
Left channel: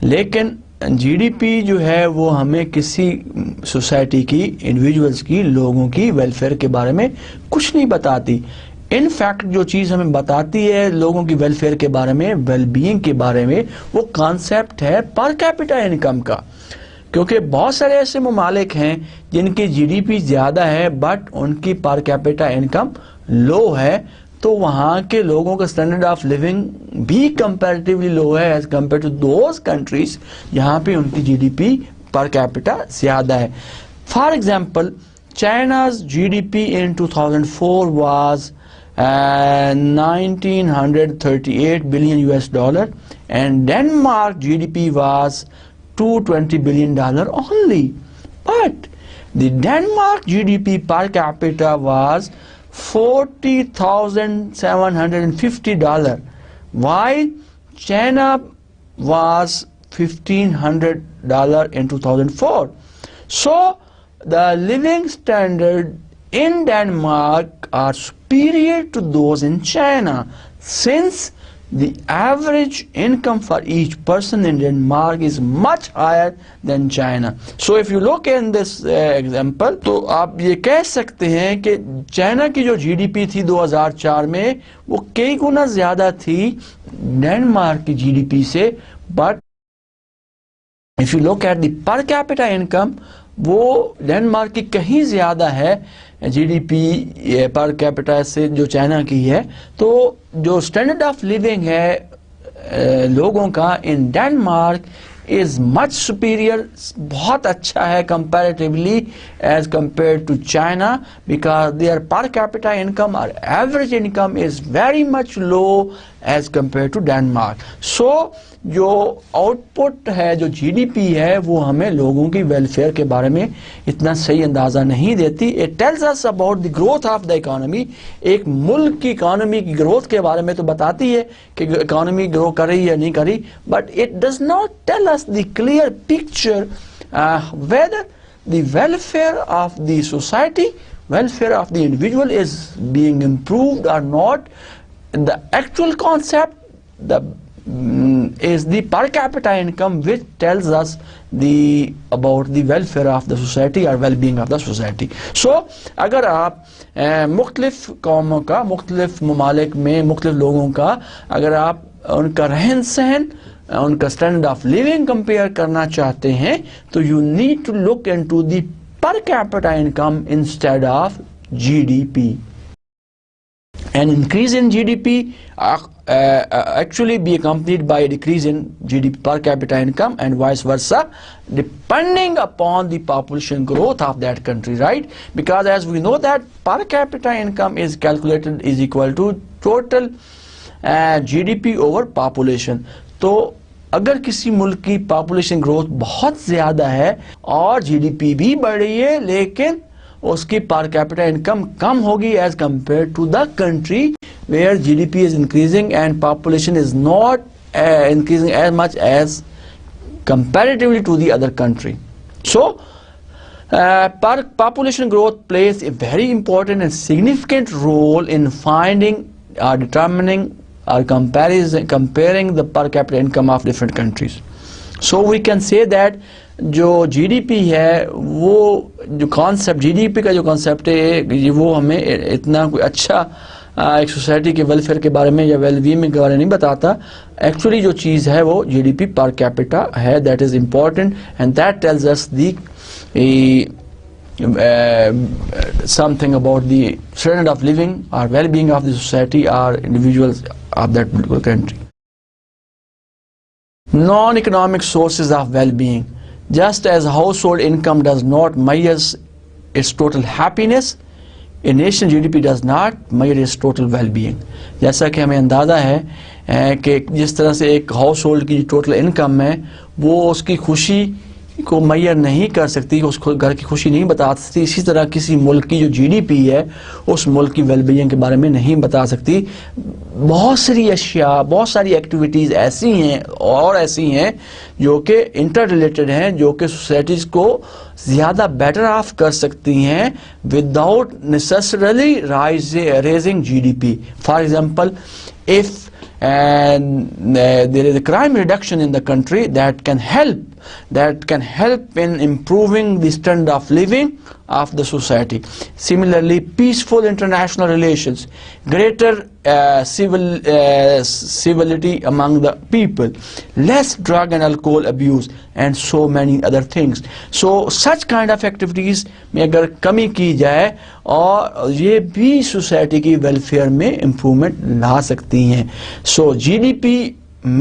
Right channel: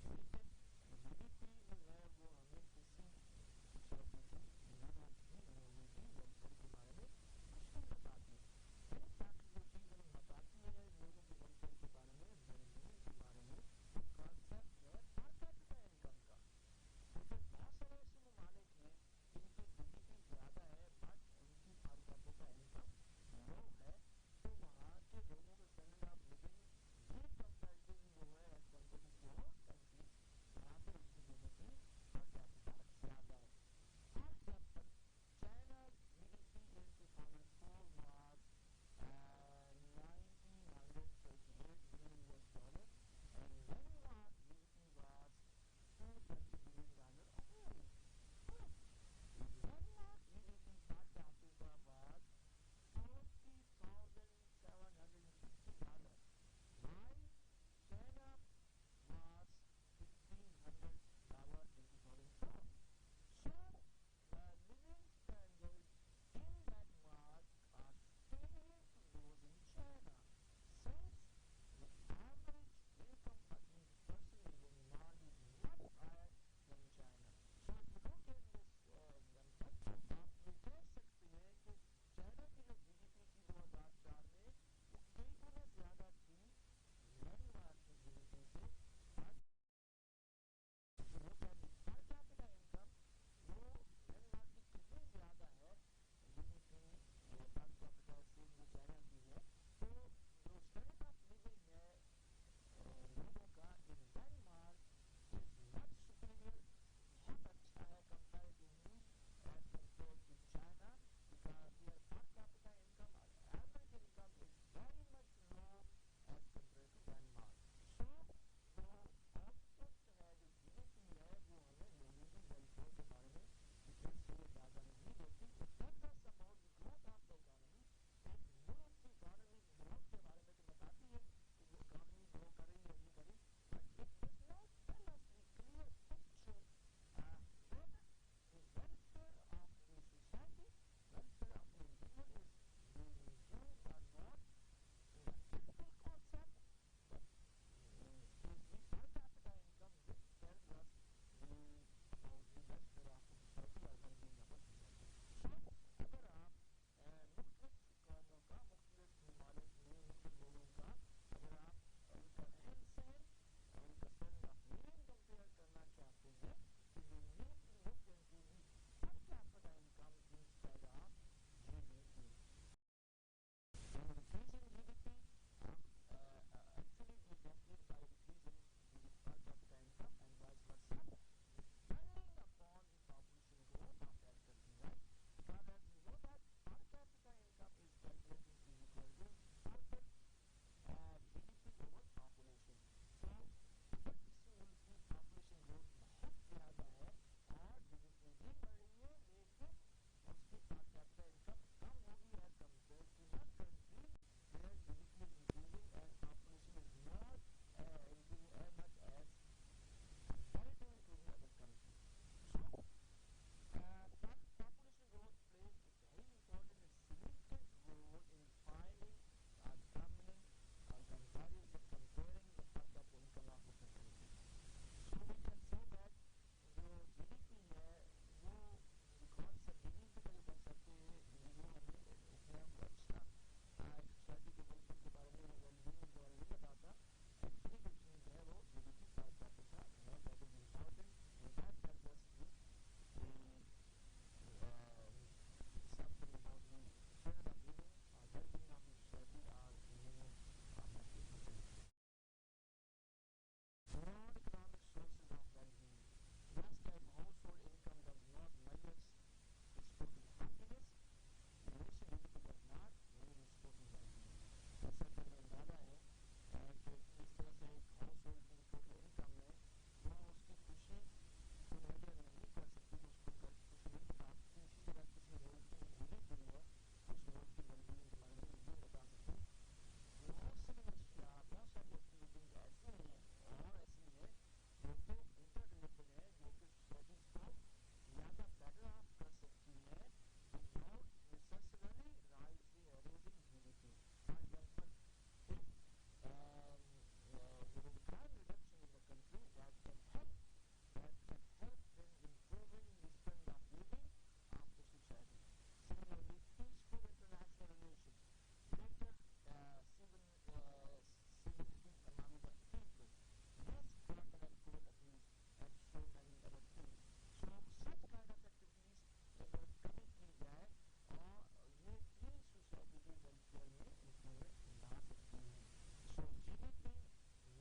लेकिन जीडीपी जो है वो हमें किसी सोसाइटी की, इंडिविजुअल्स की, लोगों की वेलफेयर के बारे में कुछ नहीं बताती. इनफैक्ट जो चीज़ हमें बताती है लोगों की वेलफेयर के बारे में, वेलबीइंग के बारे में, वो कॉन्सेप्ट है पर कैपिटा इनकम का. क्योंकि बहुत सारे ऐसे ममालिक हैं जिनकी जीडीपी ज़्यादा है बट उनकी पर कैपिटा इनकम लो है, तो वहाँ के लोगों का स्टैंडर्ड ऑफ लिविंग भी कंपैरेटिवली लो है as compare to those countries जहाँ पे उनकी जीडीपी पर कैपिटा ज़्यादा है. For example, China's GDP in 2004 was 1938 billion US dollar and Denmark GDP was $220 billion only. But the Denmark GDP per capita was $40,750, while China was $1,500 in 2004. So the living standard in Denmark are superior to those in China, since the average income for each person in Denmark is much higher than China. So if you look in this example, तो आप ये कह सकते हैं कि China की जो GDP थी 2004 में वो कई गुना ज़्यादा थी डेनमार्क की जीडीपी से, but if you look at the per capita income, वो डेनमार्क की कहीं ज़्यादा है जीडीपी पर कैपिटा से जो चाइना की है. तो जो स्टैंडर्ड ऑफ लिविंग है लोगों का in Denmark is much superior, बहुत अच्छा है comparatively as compare to China, because their per capita income और average income is very much low as compare to Denmark. So जो आउटपुट है, जो जीडीपी है, वो हमें लोगों की वेलफेयर के बारे में इतना सही अंदाज़ा नहीं देती. It tells us about the growth of the economy. एक मुल्क की इकोनॉमी की ग्रोथ के बारे में तो बताती है कि इकोनॉमी ग्रो कर रही या नहीं कर रही, but it does not tell us the clear picture whether the welfare of the society, welfare of the individual is being improved or not. The actual concept is the per capita income, which tells us about the welfare of the society or well-being of the society. So अगर आप मुख्तलिफ कौमों का, मुख्तलिफ ममालिक में मुख्तलिफ लोगों का अगर आप उनका रहन सहन, उनका स्टैंडर्ड ऑफ लिविंग कंपेयर करना चाहते हैं, तो you need to look into the per capita income instead of GDP. An increase in GDP actually be accompanied by a decrease in GDP per capita income and vice versa, depending upon the population growth of that country, right? Because as we know that per capita income is calculated is equal to total GDP over population. तो अगर किसी मुल्क की population growth बहुत ज़्यादा है और GDP भी बढ़ रही है, लेकिन उसकी पर कैपिटा इनकम कम होगी as compare to the country where GDP is increasing and population is not increasing as much as comparatively to the other country. So population growth plays a very important and significant role in finding or determining or comparing the per capita income of different countries. So we can say that जो GDP है, वो जो concept GDP का जो concept है, वो हमें इतना कोई अच्छा एक सोसाइटी के वेलफेयर के बारे में या वेलबीइंग के बारे में नहीं बताता. एक्चुअली जो चीज़ है वो जीडीपी पर कैपिटा है, that is important and that tells us the something about the standard of living or well-being of the society or individuals of that particular country. Non-economic sources of well-being. Just as household income does not measure its total happiness, a nation GDP does not measure its total well-being. जैसा कि हमें अंदाज़ा है कि जिस तरह से एक हाउस होल्ड की टोटल इनकम है वो उसकी खुशी को मैयर नहीं कर सकती, उसको घर की खुशी नहीं बता सकती, इसी तरह किसी मुल्क की जो जीडीपी है उस मुल्क की वेलबीइंग के बारे में नहीं बता सकती। बहुत सारी अशिया, बहुत सारी एक्टिविटीज़ ऐसी हैं और ऐसी हैं जो कि इंटर रिलेटेड हैं, जो कि सोसाइटीज़ को ज़्यादा बेटर ऑफ कर सकती हैं without necessarily raising GDP. For example, if there is a crime reduction in the country that can help in improving the standard of living of the society. Similarly, peaceful international relations, greater civility among the people, less drug and alcohol abuse, and so many other things. So such kind of activities में अगर कमी की जाए और ये भी society की welfare में इम्प्रूवमेंट ला सकती हैं। So GDP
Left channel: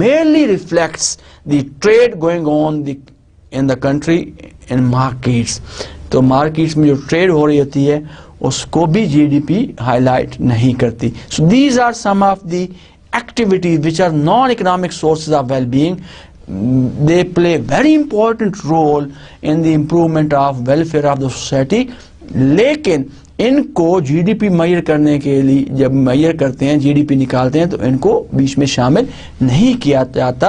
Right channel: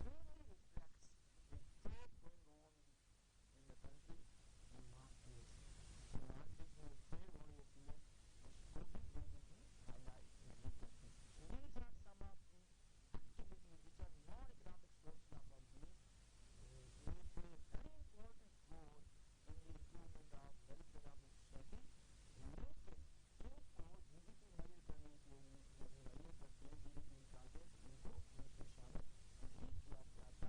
merely reflects the trade going on in the country in markets. तो मार्केट्स में जो ट्रेड हो रही होती है उसको भी जीडीपी हाईलाइट नहीं करती। So these are some of the activities which are non economic sources of wellbeing. They play very important role in the improvement of welfare of the society. लेकिन इनको जीडीपी मैयर करने के लिए जब मैयर करते हैं, जीडीपी निकालते हैं, तो इनको बीच में शामिल नहीं किया जाता।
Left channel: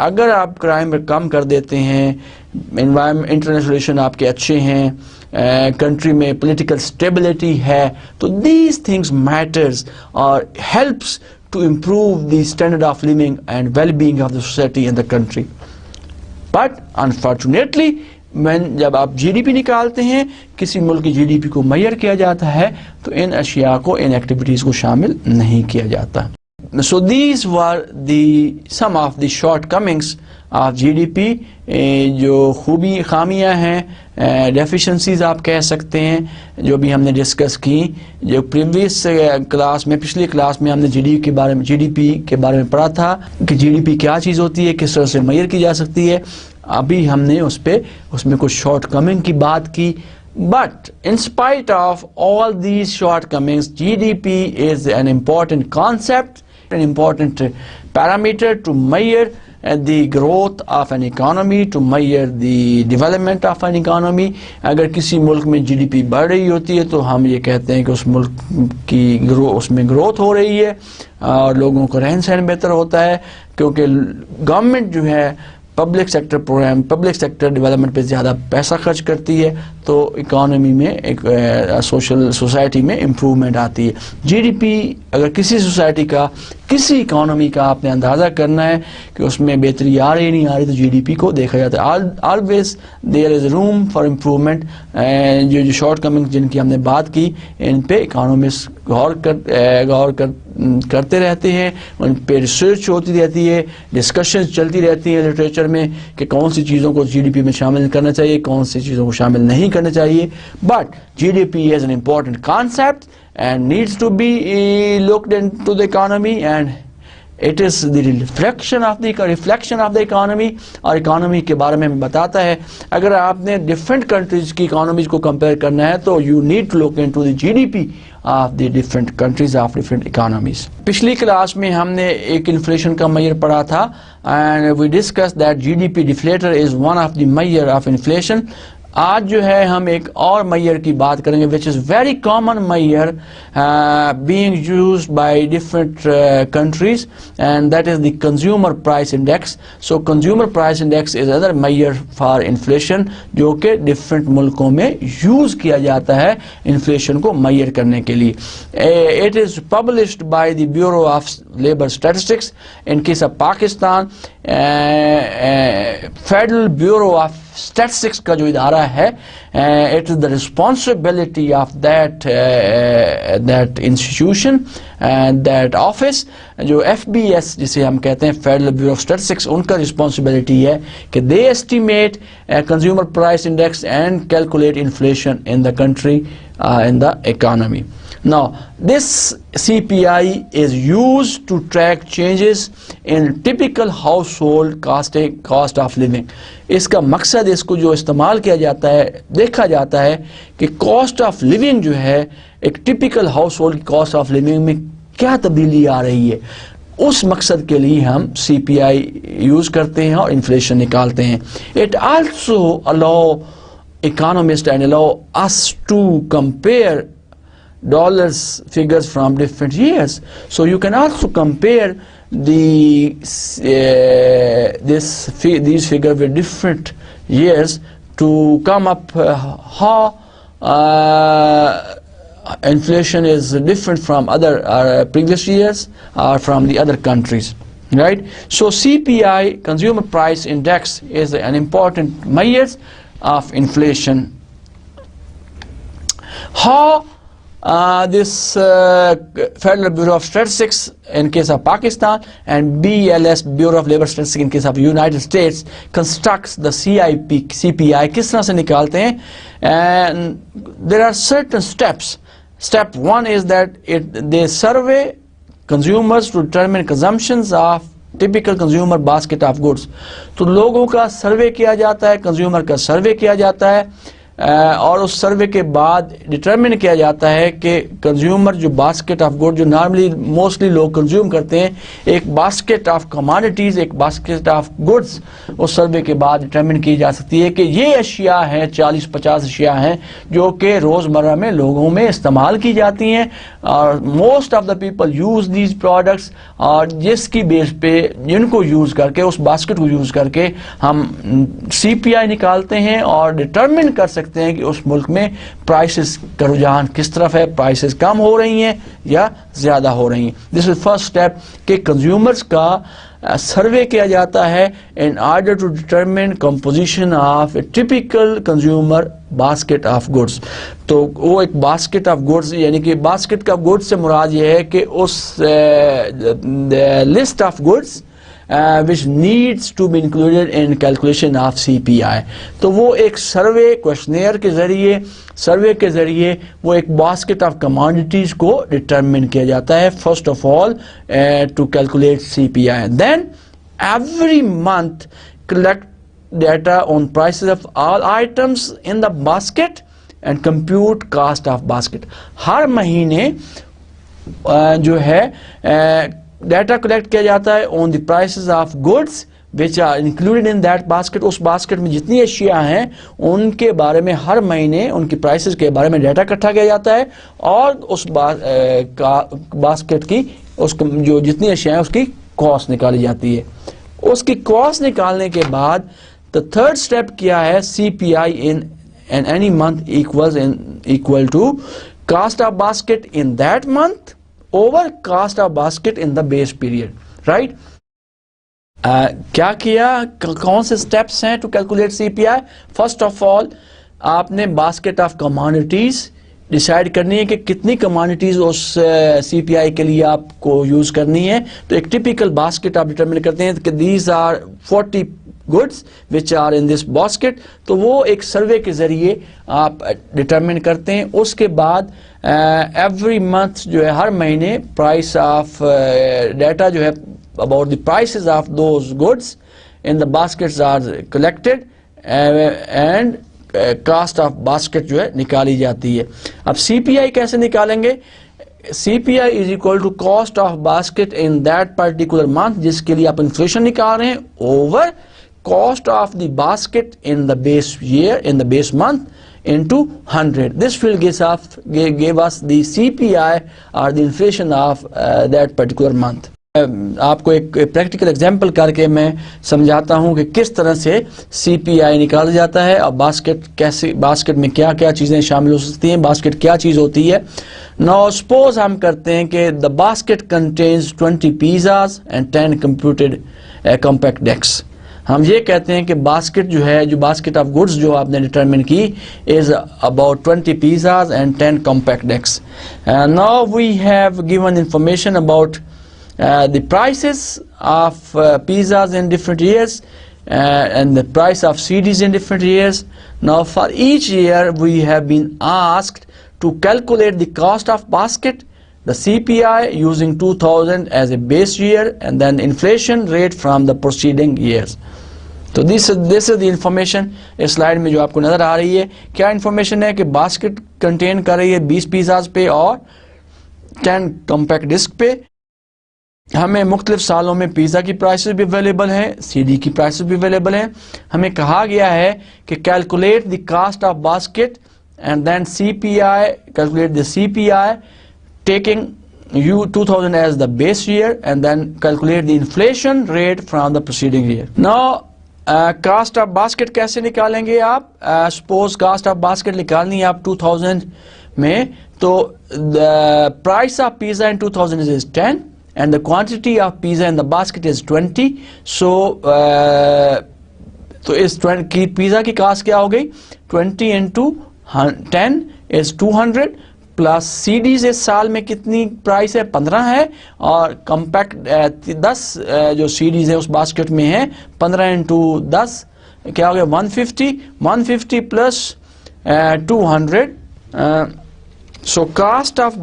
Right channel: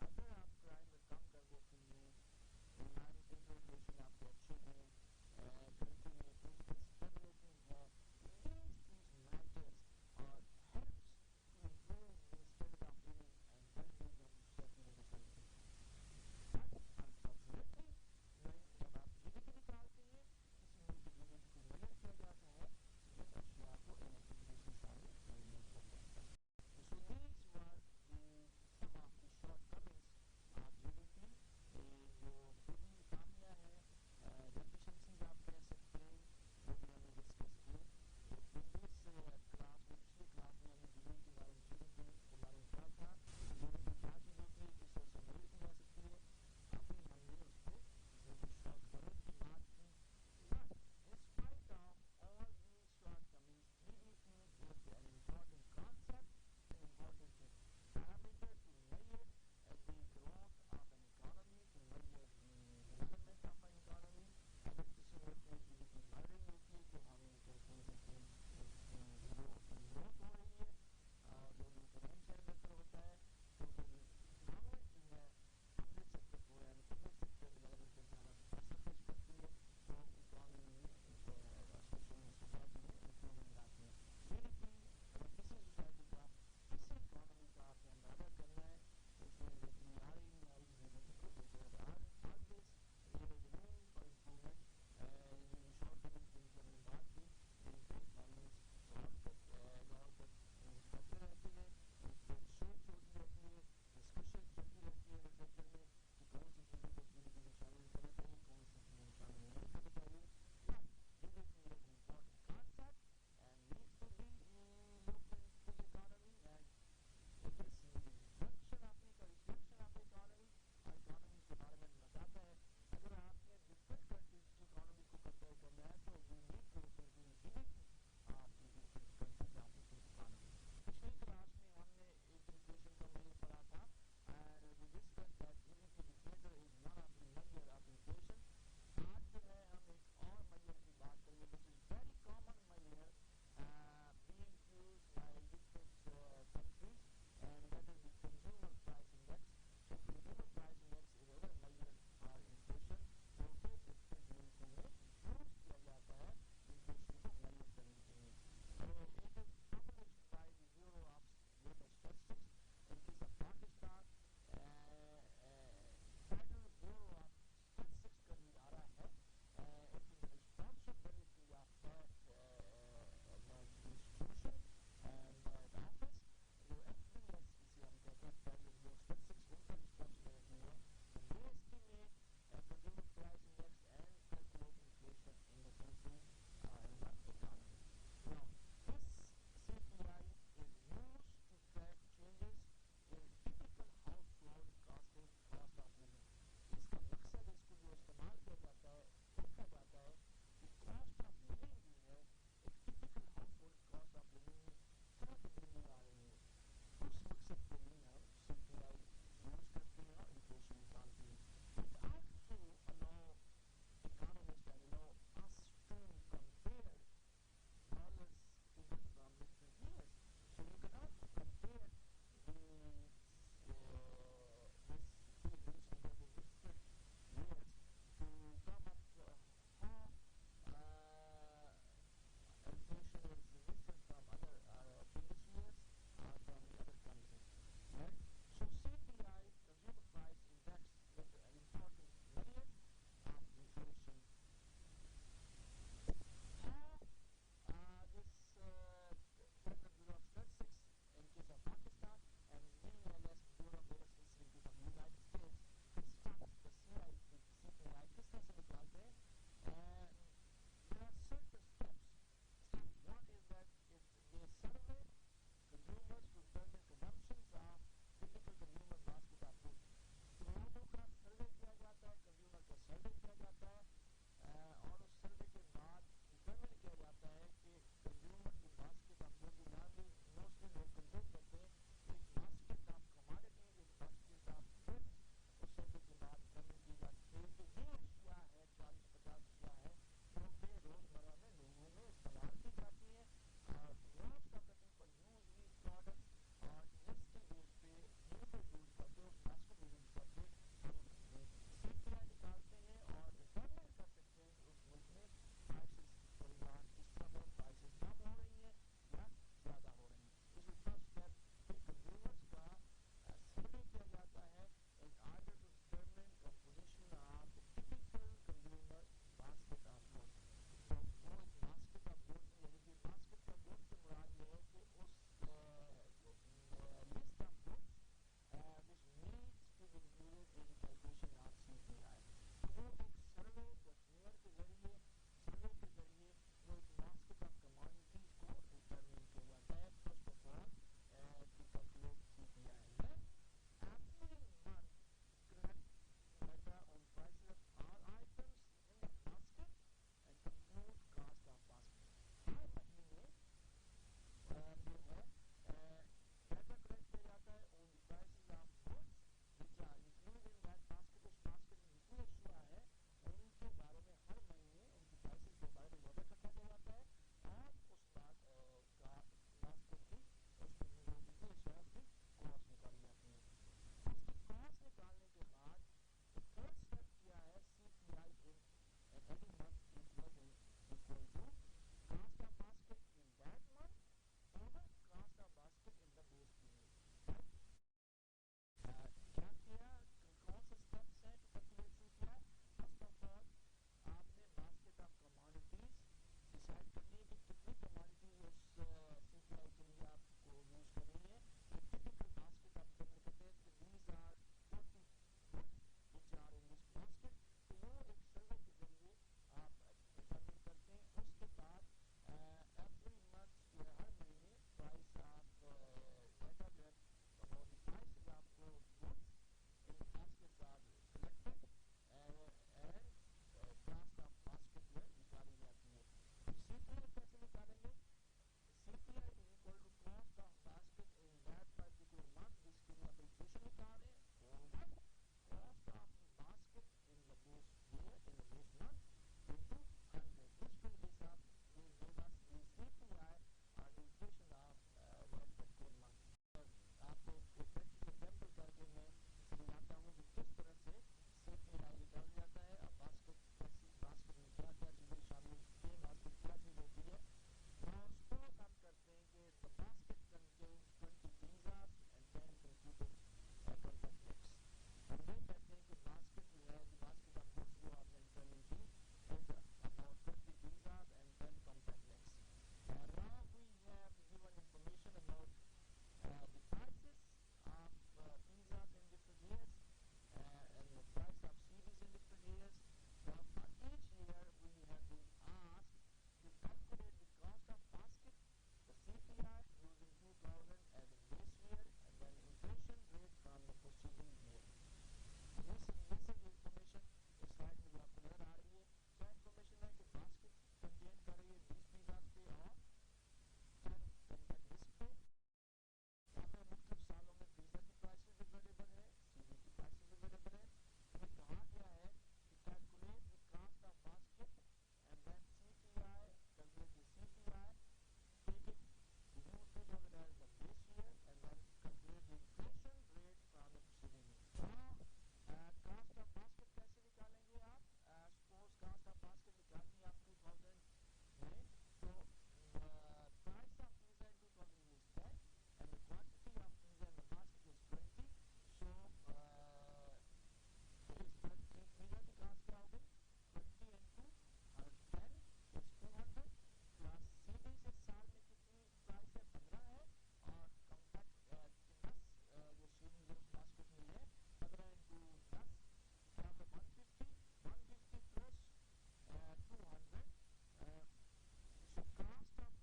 अगर आप क्राइम कम कर देते हैं, एनवायरमेंट, इंटरनेशनल रिलेशन आपके अच्छे हैं, कंट्री में पॉलिटिकल स्टेबिलिटी है, तो दीज थिंग्स मैटर्स और helps to improve the standard of living and wellbeing of the society in the country. But unfortunately जब आप जीडीपी निकालते हैं, किसी मुल्क की जीडीपी को मैयर किया जाता है, तो इन अशिया को, इन एक्टिविटीज़ को शामिल नहीं किया जाता। So these were some of the shortcomings of GDP, जो खूबी खामियां हैं, डेफिशिएंसीज आप कह सकते हैं, जो भी हमने डिस्कस की। जो प्रीवियस क्लास में, पिछली क्लास में हमने जीडीपी के बारे में पढ़ा था कि जीडीपी क्या चीज़ होती है, किस तरह से मैयर की जा सकती है। अभी हमने उसमें कुछ शॉर्टकमिंग की बात की। But in spite of all these shortcomings, GDP is an important concept, an important parameter to measure the growth of an economy, to measure the development of an economy. अगर किसी मुल्क में GDP बढ़ रही होती है तो हम ये कहते हैं कि उस मुल्क की उसमें ग्रोथ हो रही है और लोगों का रहन सहन बेहतर होता है, क्योंकि गवर्नमेंट जो है public sector program, public sector development पे ज़्यादा पैसा खर्च करती है, तो इकोनॉमी में, एक सोसाइटी में इम्प्रूवमेंट आती है। जीडीपी, अगर किसी सोसाइटी का, किसी इकोनॉमी का आपने अंदाज़ा करना है कि उसमें बेहतरी आ रही नहीं आ रही, तो जीडीपी को देखा जाता है। Always there is room for improvement. जो शॉर्टकमिंग जिनकी हमने बात की, इन पे इकोनॉमिस्ट गौर करते रहते हैं, उन पे रिसर्च होती रहती है, डिस्कशंस चलती रहती हैं लिटरेचर में कि कौन सी चीज़ों को जीडीपी में शामिल करना चाहिए, कौन सी चीज़ों को शामिल नहीं करना चाहिए। But GDP is an important concept and needs to be looked into the economy, and it is the reflection of the economy, और इकोनॉमी के बारे में बताता है। अगर आपने डिफरेंट कंट्रीज की इकोनॉमीज को कंपेयर करना है तो you need to look into the GDP of the different countries of different economies. पिछली क्लास में हमने एक इन्फ्लेशन का मेजर पढ़ा था, and we discuss that GDP deflator is one of the measure of inflation. आज जो है हम एक और मैयर की बात करेंगे, which is very common measure being used by different countries, and that is the consumer price index. So consumer price index is other measure for inflation, जो कि डिफरेंट मुल्कों में यूज़ किया जाता है इन्फ्लेशन को मैयर करने के लिए। It is published by the bureau of labour statistics. In case of Pakistan, federal bureau of statistics का जो इदारा है, it is the responsibility of that institution and that office. जो FBS जिसे हम कहते हैं, फेडरल ब्यूरो ऑफ स्टैटिस्टिक्स, उनका रिस्पॉन्सिबिलिटी है कि they estimate consumer price index and calculate inflation in the country, in the economy. Now, this CPI is used to track changes in typical household cost of living. इसका मकसद, इसको जो इस्तेमाल किया जाता है, देखा जाता है कि कॉस्ट ऑफ लिविंग जो है, एक टिपिकल हाउस होल्ड की कॉस्ट ऑफ लिविंग में क्या तब्दीली आ रही है। उस मकसद के लिए हम CPI यूज करते हैं और इन्फ्लेशन निकालते हैं. It also allow economists and allow us to compare dollars figures from different years. So you can also compare these figures with different years to come up how inflation is different from other previous years or from the other countries, right? So CPI, Consumer Price Index, is an important measure of inflation. How this Federal Bureau of Statistics in case of Pakistan and BLS, Bureau of Labor Statistics in case of United States, constructs the CPI किस तरह से निकालते हैं? And there are certain steps. Step one is that they survey consumers to determine consumptions of typical consumer basket of goods. तो लोगों का survey किया जाता है, कंज्यूमर का सर्वे किया जाता है और उस सर्वे के बाद डिटरमिन किया जाता है कि कंज्यूमर जो बास्केट ऑफ गुड जो नॉर्मली मोस्टली लोग कंज्यूम करते हैं, एक बास्केट ऑफ कमोडिटीज़, एक बास्केट ऑफ गुड्स, उस सर्वे के बाद डिटरमिन की जा सकती है कि ये अशिया हैं, 40-50 अशिया हैं जो कि रोज़मर्रा में लोगों में इस्तेमाल की जाती हैं और most of the people use these products, और जिसकी बेस पे जिनको यूज़ करके उस बास्केट को यूज़ करके हम CPI निकालते हैं और डिटरमिन कर सकते हैं कि उस मुल्क में प्राइसेस का रुझान किस तरफ है, प्राइसेस कम हो रही हैं या ज़्यादा हो रही हैं. दिस इज फर्स्ट स्टेप कि कंज्यूमर्स का सर्वे किया जाता है in order to determine composition of a typical consumer basket of goods. तो वो एक बास्केट ऑफ गुड्स यानी कि बास्केट ऑफ गुड्स से मुराद ये है कि उस list of goods which needs to be included in calculation of CPI. तो वो एक सर्वे क्वेश्चनेयर के ज़रिए, सर्वे के ज़रिए वो एक बास्केट ऑफ कमोडिटीज़ को डिटरमिन किया जाता है. First of all to calculate CPI. Then every month collect data on prices of all items in the basket and compute cost of basket. हर महीने जो है डाटा कलेक्ट किया जाता है on the prices of goods which are included in that basket. उस basket में जितनी अशिया हैं उनके बारे में हर महीने उनकी प्राइसेस के बारे में डाटा इकट्ठा किया जाता है और उस बास्केट की जो जितनी अशिया हैं उसकी कॉस्ट निकाली जाती है. उसकी कॉस्ट निकालने के बाद द थर्ड स्टेप क्या है, CPI in any month equal to cost of basket in that month over cost of basket in the base period, right? क्या किया, कौन से स्टेप्स हैं to calculate CPI? First of all आपने basket of commodities decide करनी है कि कितनी कमोडिटीज उस CPI के लिए आपको यूज करनी है. तो एक टिपिकल बास्केट आप डिटरमिन करते हैं कि these are 40 goods which are in this basket. तो वो एक सर्वे के जरिए आप डिटरमिन करते हैं. उसके बाद एवरी मंथ जो है हर महीने प्राइस ऑफ डाटा जो है about the prices of those goods in the baskets are collected and cost of basket जो है निकाली जाती है. अब CPI कैसे निकालेंगे? CPI is equal to cost of basket in that particular month, जिसके लिए आप इन्फ्लेशन निकाल रहे हैं, over cost of the basket in the base year, in the base month, into 100. This will give us the CPI or the inflation of that particular month. आपको एक practical example करके मैं समझाता हूँ कि किस तरह से CPI निकाला जाता है और बास्केट में क्या क्या चीज़ें शामिल हो सकती हैं, बास्केट क्या चीज़ होती है. Now suppose हम करते हैं कि the basket contains 20 pizzas and 10 computed compact decks. हम ये कहते हैं कि बास्केट जो है, जो बास्केट ऑफ गुड्स जो आपने डिटरमिन की is about 20 pizzas and 10 compact decks. Now we have given information about the prices of pizzas in different years and the price of CDs in different years. Now for each year we have been asked to calculate the cost of basket, the CPI using 2000 as a base year and then inflation rate from the preceding years. तो this is the information. इस slide में जो आपको नजर आ रही है क्या information है कि बास्केट कंटेन कर रही है 20 पिज़्ज़ाज पे और 10 कॉम्पैक्ट डिस्क पे. हमें मुख्तलिफ सालों में पिज़्ज़ा की प्राइसेस भी अवेलेबल हैं, सीडी की प्राइसेस भी अवेलेबल हैं। हमें कहा गया है कि calculate the cost of basket and then CPI, calculate the CPI taking you 2000 as the base year and then calculate the inflation rate from the preceding year. Now cost of basket कैसे निकालेंगे आप? Suppose cost of basket निकालनी है आप 2000 में, तो the price of pizza in 2000 is 10 and the quantity of pizza in the basket is 20. So तो इस 20 की पिज़्ज़ा की कास्ट क्या हो गई? 20 into 10 is 200 प्लस सीडीज इस साल में कितनी प्राइस है? 15 है, और कम्पैक्ट 10 जो सीडीज है उस बास्केट में है, 15 into 10 क्या हो गया? 150 plus 200. So cost of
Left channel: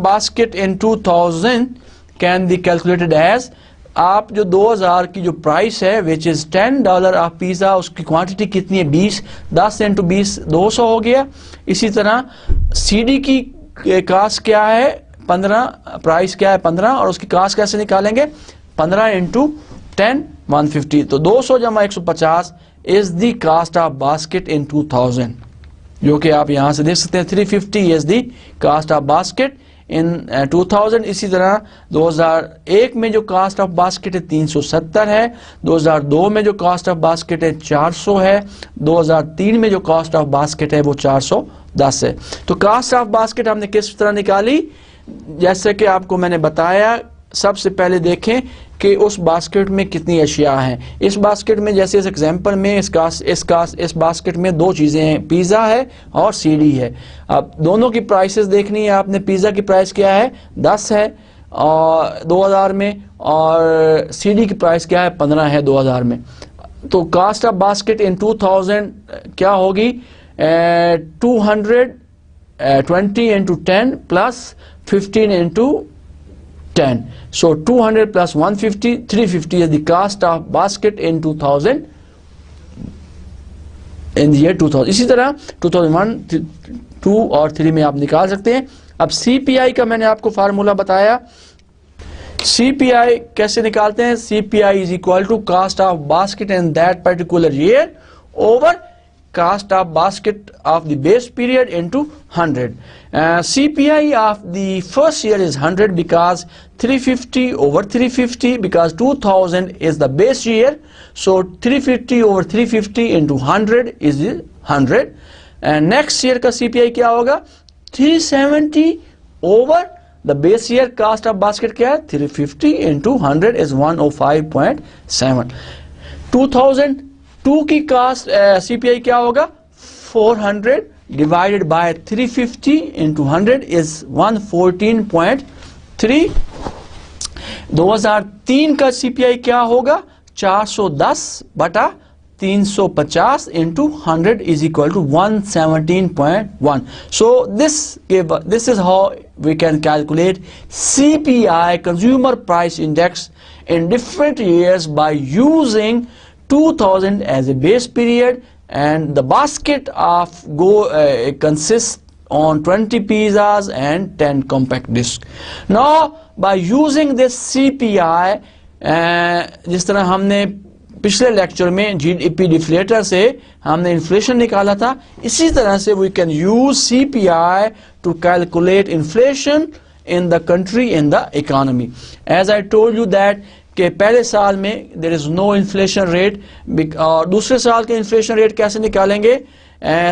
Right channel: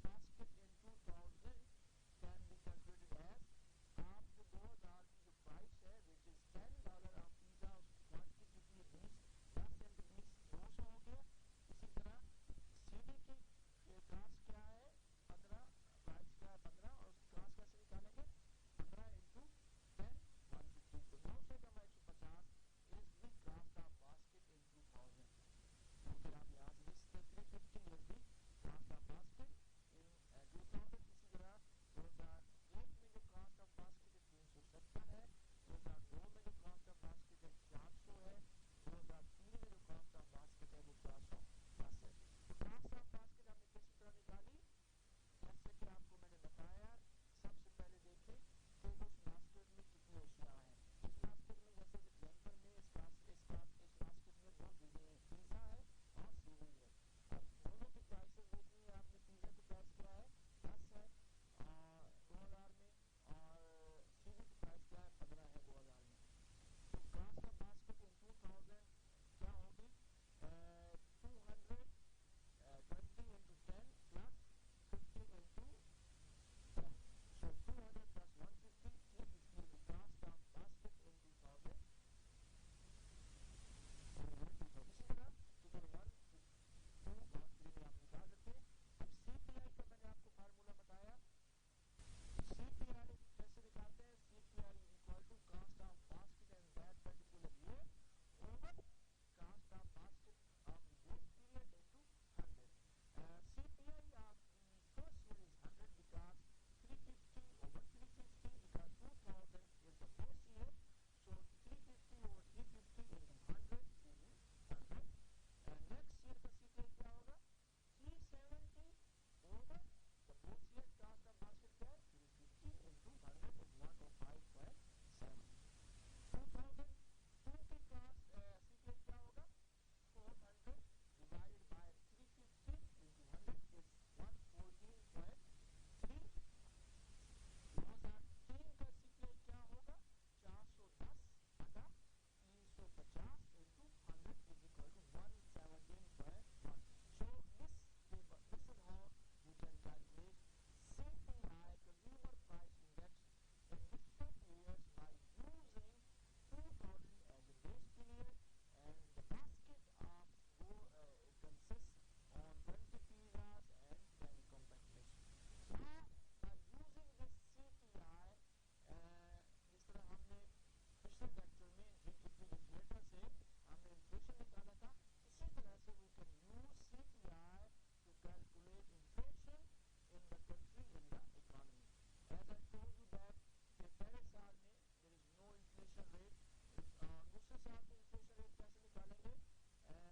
basket in 2000 can be calculated as, आप जो 2000 की जो प्राइस है विच इज $10 ऑफ पिज़्ज़ा, उसकी क्वांटिटी कितनी है? 20, 10 into 20 200 हो गया। इसी तरह सीडी की कास्ट क्या है? 15, प्राइस क्या है? 15, और उसकी कास्ट कैसे निकालेंगे? 15 into 10 150, तो 200 जमा 150 is the cost of basket in 2000, जो कि आप यहां से देख सकते हैं 350 is the cost of basket in 2000। इसी तरह 2001 में जो कास्ट ऑफ बास्केट है 370 है, 2002 में जो कास्ट ऑफ बास्केट है 400 है, 2003 में जो कास्ट ऑफ बास्केट है वो 410 है। तो कास्ट ऑफ बास्केट हमने किस तरह निकाली? जैसे कि आपको मैंने बताया, सबसे पहले देखें कि उस बास्केट में कितनी अशिया हैं। इस बास्केट में, जैसे इस एग्जांपल में इस बास्केट में दो चीज़ें हैं, पिज़्ज़ा है और सीडी है। अब दोनों की प्राइसेस देखनी है आपने। पिज़्ज़ा की प्राइस क्या है? 10 है और 2000 में, और सीडी की प्राइस क्या है? 15 है 2000 में। तो कास्ट ऑफ बास्केट इन 2000 क्या होगी? 220 into 10 plus 15 into 10. So 200 plus 150, 350 is the cost of basket in 2000, in the year 2000. इसी तरह 2001, 2 और 3 में आप निकाल सकते हैं। अब CPI का मैंने आपको फार्मूला बताया। CPI कैसे निकालते हैं? CPI is equal to cost of basket in that particular year over cost of basket of the base period into 100. CPI of the first year is 100 because 350 over 350, because 2000 is the base year, so 350 over 350 into 100 is 100. And next year का CPI क्या होगा? 370 over the base year cost of basket क्या है? 350 into 100 is 105.7. 2002 की cast CPI क्या होगा? 400 divided by 350 into 100 is 114.3. 2003 का CPI क्या होगा? 410 बटा 350 into 100 is equal to 117.1. So this is how we can calculate CPI, Consumer Price Index, in different years by using 2000 as a base period, and the basket of consists on 20 pizzas and 10 compact discs. Now by using this CPI, जिस तरह हमने पिछले lecture में GDP deflator से हमने inflation निकाला था, इसी तरह से we can use CPI to calculate inflation in the country, in the economy. As I told you that कि पहले साल में there is no inflation rate, और दूसरे साल के inflation rate कैसे निकालेंगे?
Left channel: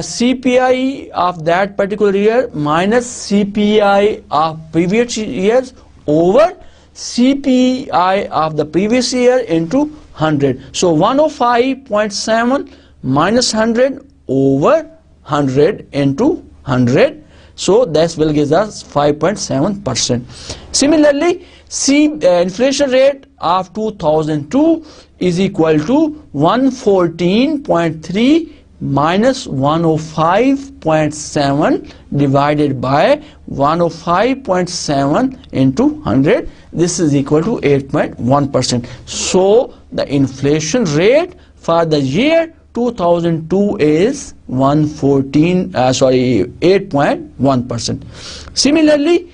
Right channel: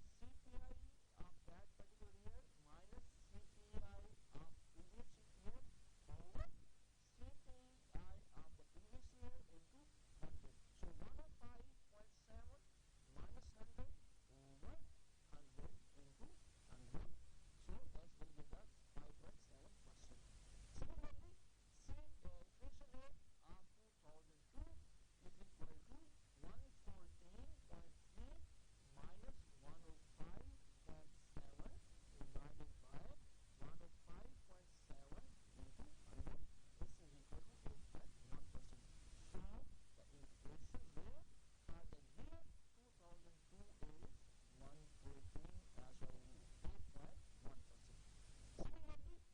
CPI of that particular year minus CPI of previous years over CPI of the previous year into 100. So 105.7 minus 100 over 100 into 100. So this will give us 5.7%. Similarly, inflation rate of 2002 is equal to 114.3 minus 105.7 divided by 105.7 into 100. This is equal to 8.1%. So the inflation rate for the year 2002 is 8.1%. Similarly,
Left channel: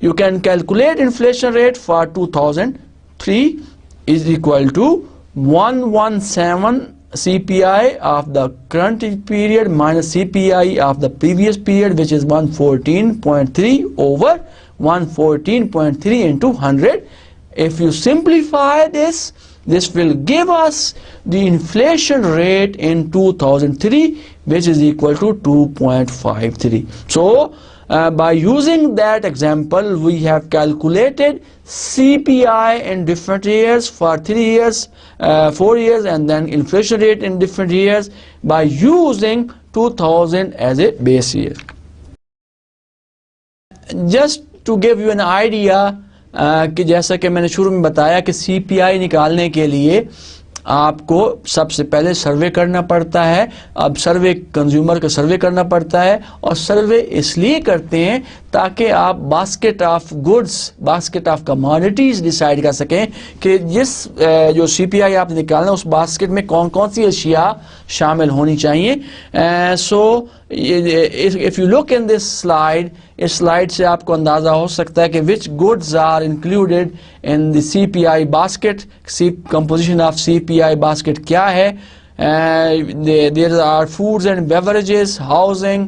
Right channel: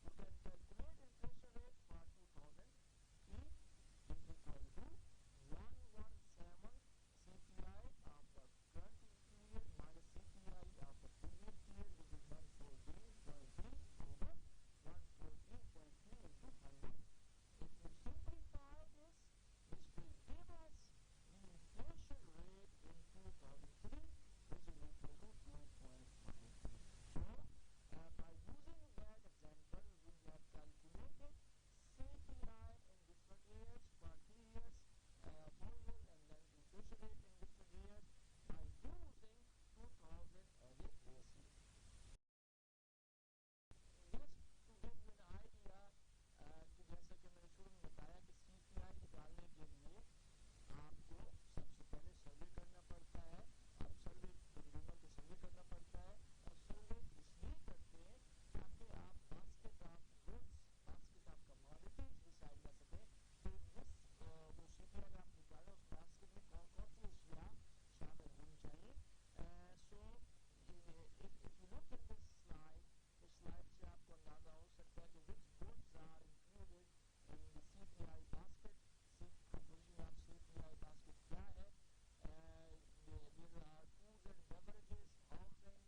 you can calculate inflation rate for 2003 is equal to 117 CPI of the current period minus CPI of the previous period, which is 114.3 over 114.3 into 100. If you simplify this, this will give us the inflation rate in 2003, which is equal to 2.53. So by using that example, we have calculated CPI in different years for 3 years, 4 years, and then inflation rate in different years by using 2000 as a base year. Just to give you an idea, कि जैसा कि मैंने शुरू में बताया कि CPI निकालने के लिए आपको सबसे पहले सर्वे करना पड़ता है। अब सर्वे कंज्यूमर का सर्वे करना पड़ता है, और सर्वे इसलिए करते हैं ताकि आप basket of goods, basket of commodities decide कर सकें कि जिस जो CPI आप निकालना उस बास्केट में कौन कौन सी अशिया शामिल होनी चाहिए। So if you look in this slide, इस स्लाइड से आपको अंदाज़ा हो सकता है कि which goods are included in the CPI basket, composition of CPI basket क्या है। There are foods and beverages, housing,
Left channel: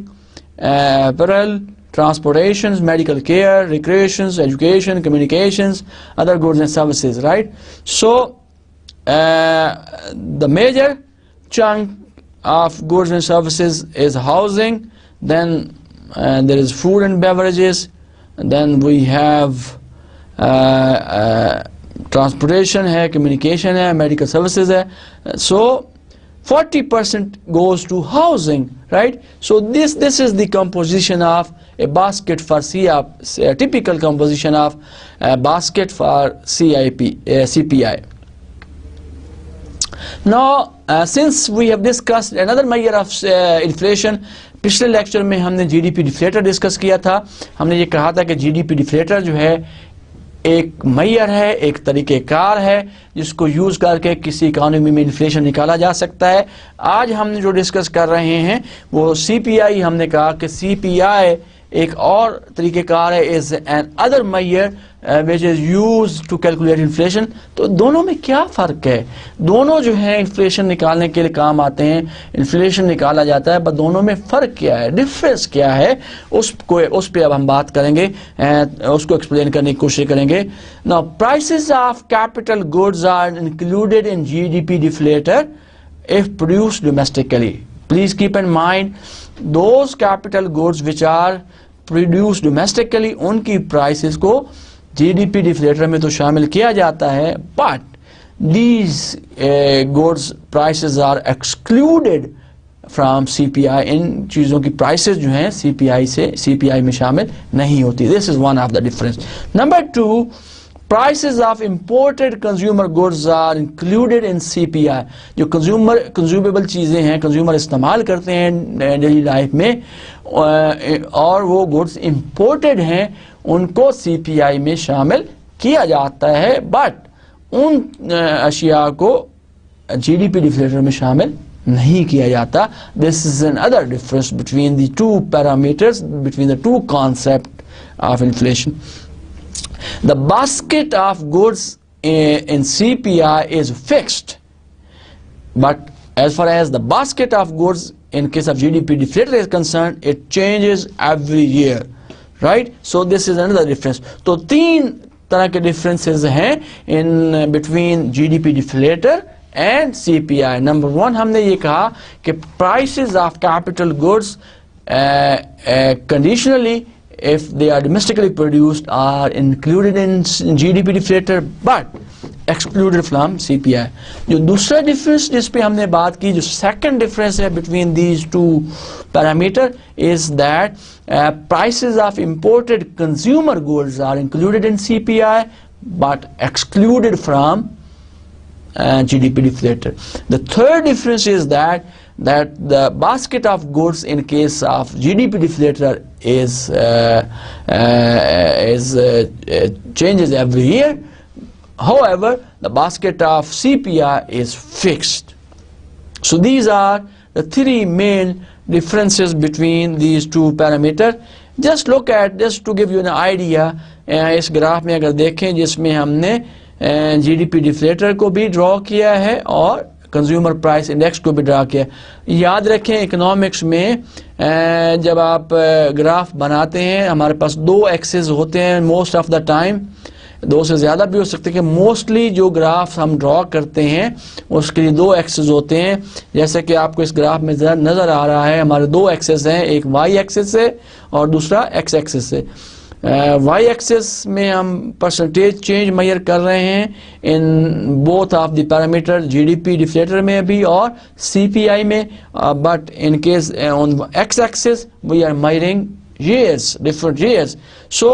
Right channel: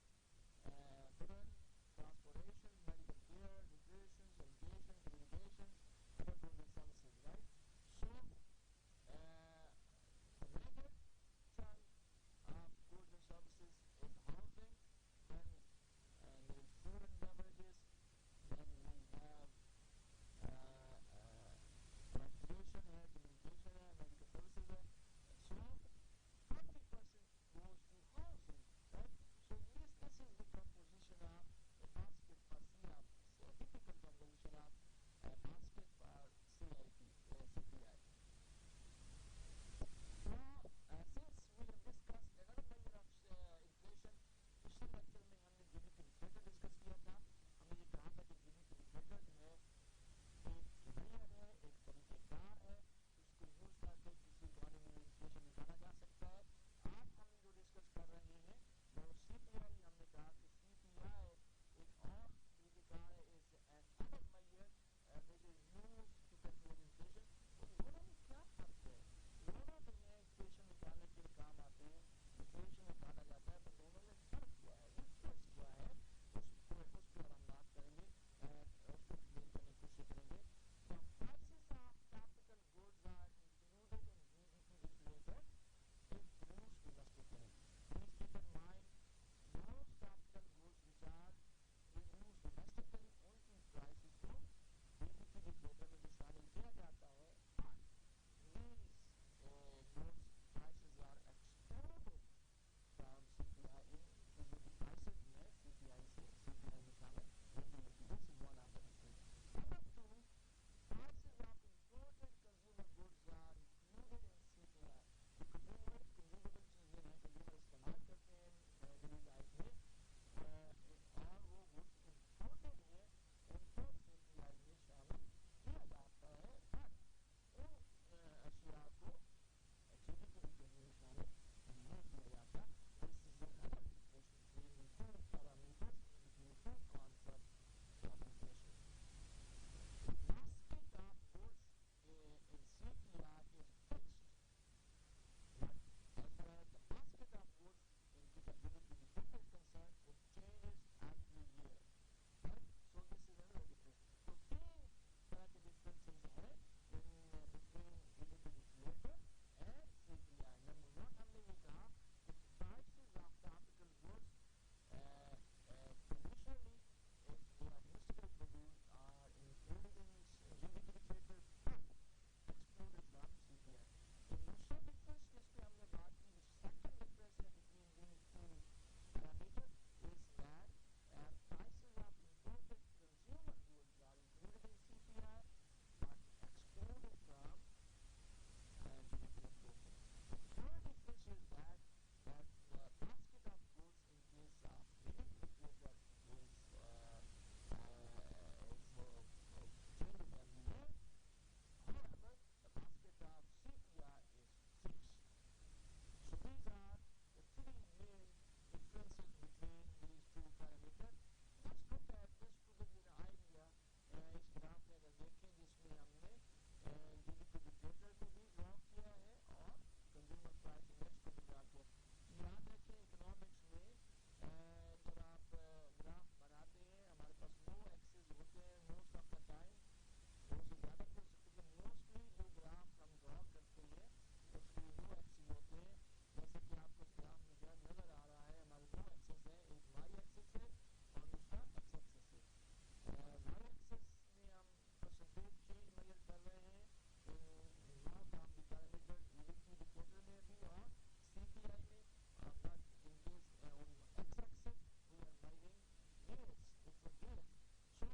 apparel, transportations, medical care, recreations, education, communications, other goods and services, right? So the major chunk of goods and services is housing, then there is food and beverages, and then we have transportation hai, communication hai, medical services hai. So 40% goes to housing, right? So this is the composition of a basket for a typical composition of a basket for CPI. Now, since we have discussed another measure of inflation, पिछले lecture में हमने GDP deflator discuss किया था। हमने ये कहा था कि GDP डिफ्लेटर जो है एक मेजर है, एक तरीक़ेकार है जिसको यूज़ करके किसी इकानमी में इन्फ्लेशन निकाला जा सकता है। आज हमने जो डिस्कस कर रहे हैं वो CPI, हमने कहा कि CPI एक और तरीक़ेकार है, is another measure which is use to calculate inflation. तो दोनों में क्या फ़र्क है? दोनों जो है इन्फ्लेशन निकालने के लिए काम आते हैं, इन्फ्लेशन निकाला जाता है, पर दोनों में फ़र्क क्या है, डिफरेंस क्या है, उस पर अब हम बात करेंगे, उसको एक्सप्लेन करने की कोशिश करेंगे। Now prices of capital goods are included in GDP deflator if produced domestically. Please keep in mind those capital goods which are produced domestically, उनकी प्राइसेस को GDP डिफ्लेटर में तो शामिल किया जाता है, but these goods prices are excluded from CPI। इन चीज़ों की प्राइसेस जो हैं CPI में शामिल नहीं होती। This is one of the difference. Number 2, prices of imported consumer goods are included in CPI। जो कंज्यूमेबल चीज़ें हैं, कंज्यूमर इस्तेमाल करते हैं डेली लाइफ में, और वो गुड्स इम्पोर्टेड हैं, उनको CPI में शामिल किया जाता है, बट उन अशिया को GDP डिफ्लेटर में शामिल नहीं किया जाता। This is an other difference between the two parameters, between the two concept of inflation. The basket of goods in CPI is fixed, but as far as the basket of goods in case of GDP deflator is concerned, it changes every year, right? So this is another difference. तो तीन तरह के differences हैं in between GDP deflator and CPI. Number 1, हमने ये कहा कि prices of capital goods conditionally, if they are domestically produced, are included in GDP deflator but excluded from CPI. जो दूसरा difference जिस पे हमने बात की, जो second difference है between these two parameter, is that prices of imported consumer goods are included in CPI but excluded from GDP deflator. The third difference is that the basket of goods in case of GDP deflator changes every year. However, the basket of CPI is fixed. So these are the three main differences between these two parameters. Just look at, just to give you an idea, इस graph में अगर देखें जिसमें हमने GDP deflator को भी draw किया है और कंज्यूमर प्राइस इंडेक्स को भी ड्रा किया है। याद रखें इकोनॉमिक्स में जब आप ग्राफ बनाते हैं हमारे पास दो एक्सेस होते हैं मोस्ट ऑफ द टाइम, दो से ज़्यादा भी हो सकते हैं कि मोस्टली जो ग्राफ हम ड्रॉ करते हैं उसके लिए दो एक्सेस होते हैं। जैसे कि आपको इस ग्राफ में नज़र आ रहा है हमारे दो एक्सेस हैं, एक वाई एक्सेस है और दूसरा एक्स एक्सेस है। वाई एक्सेस में हम परसेंटेज चेंज मेजर कर रहे हैं in both of the parameter GDP deflator में भी और सीपीआई में, but in case on x axis we are measuring years, different years. So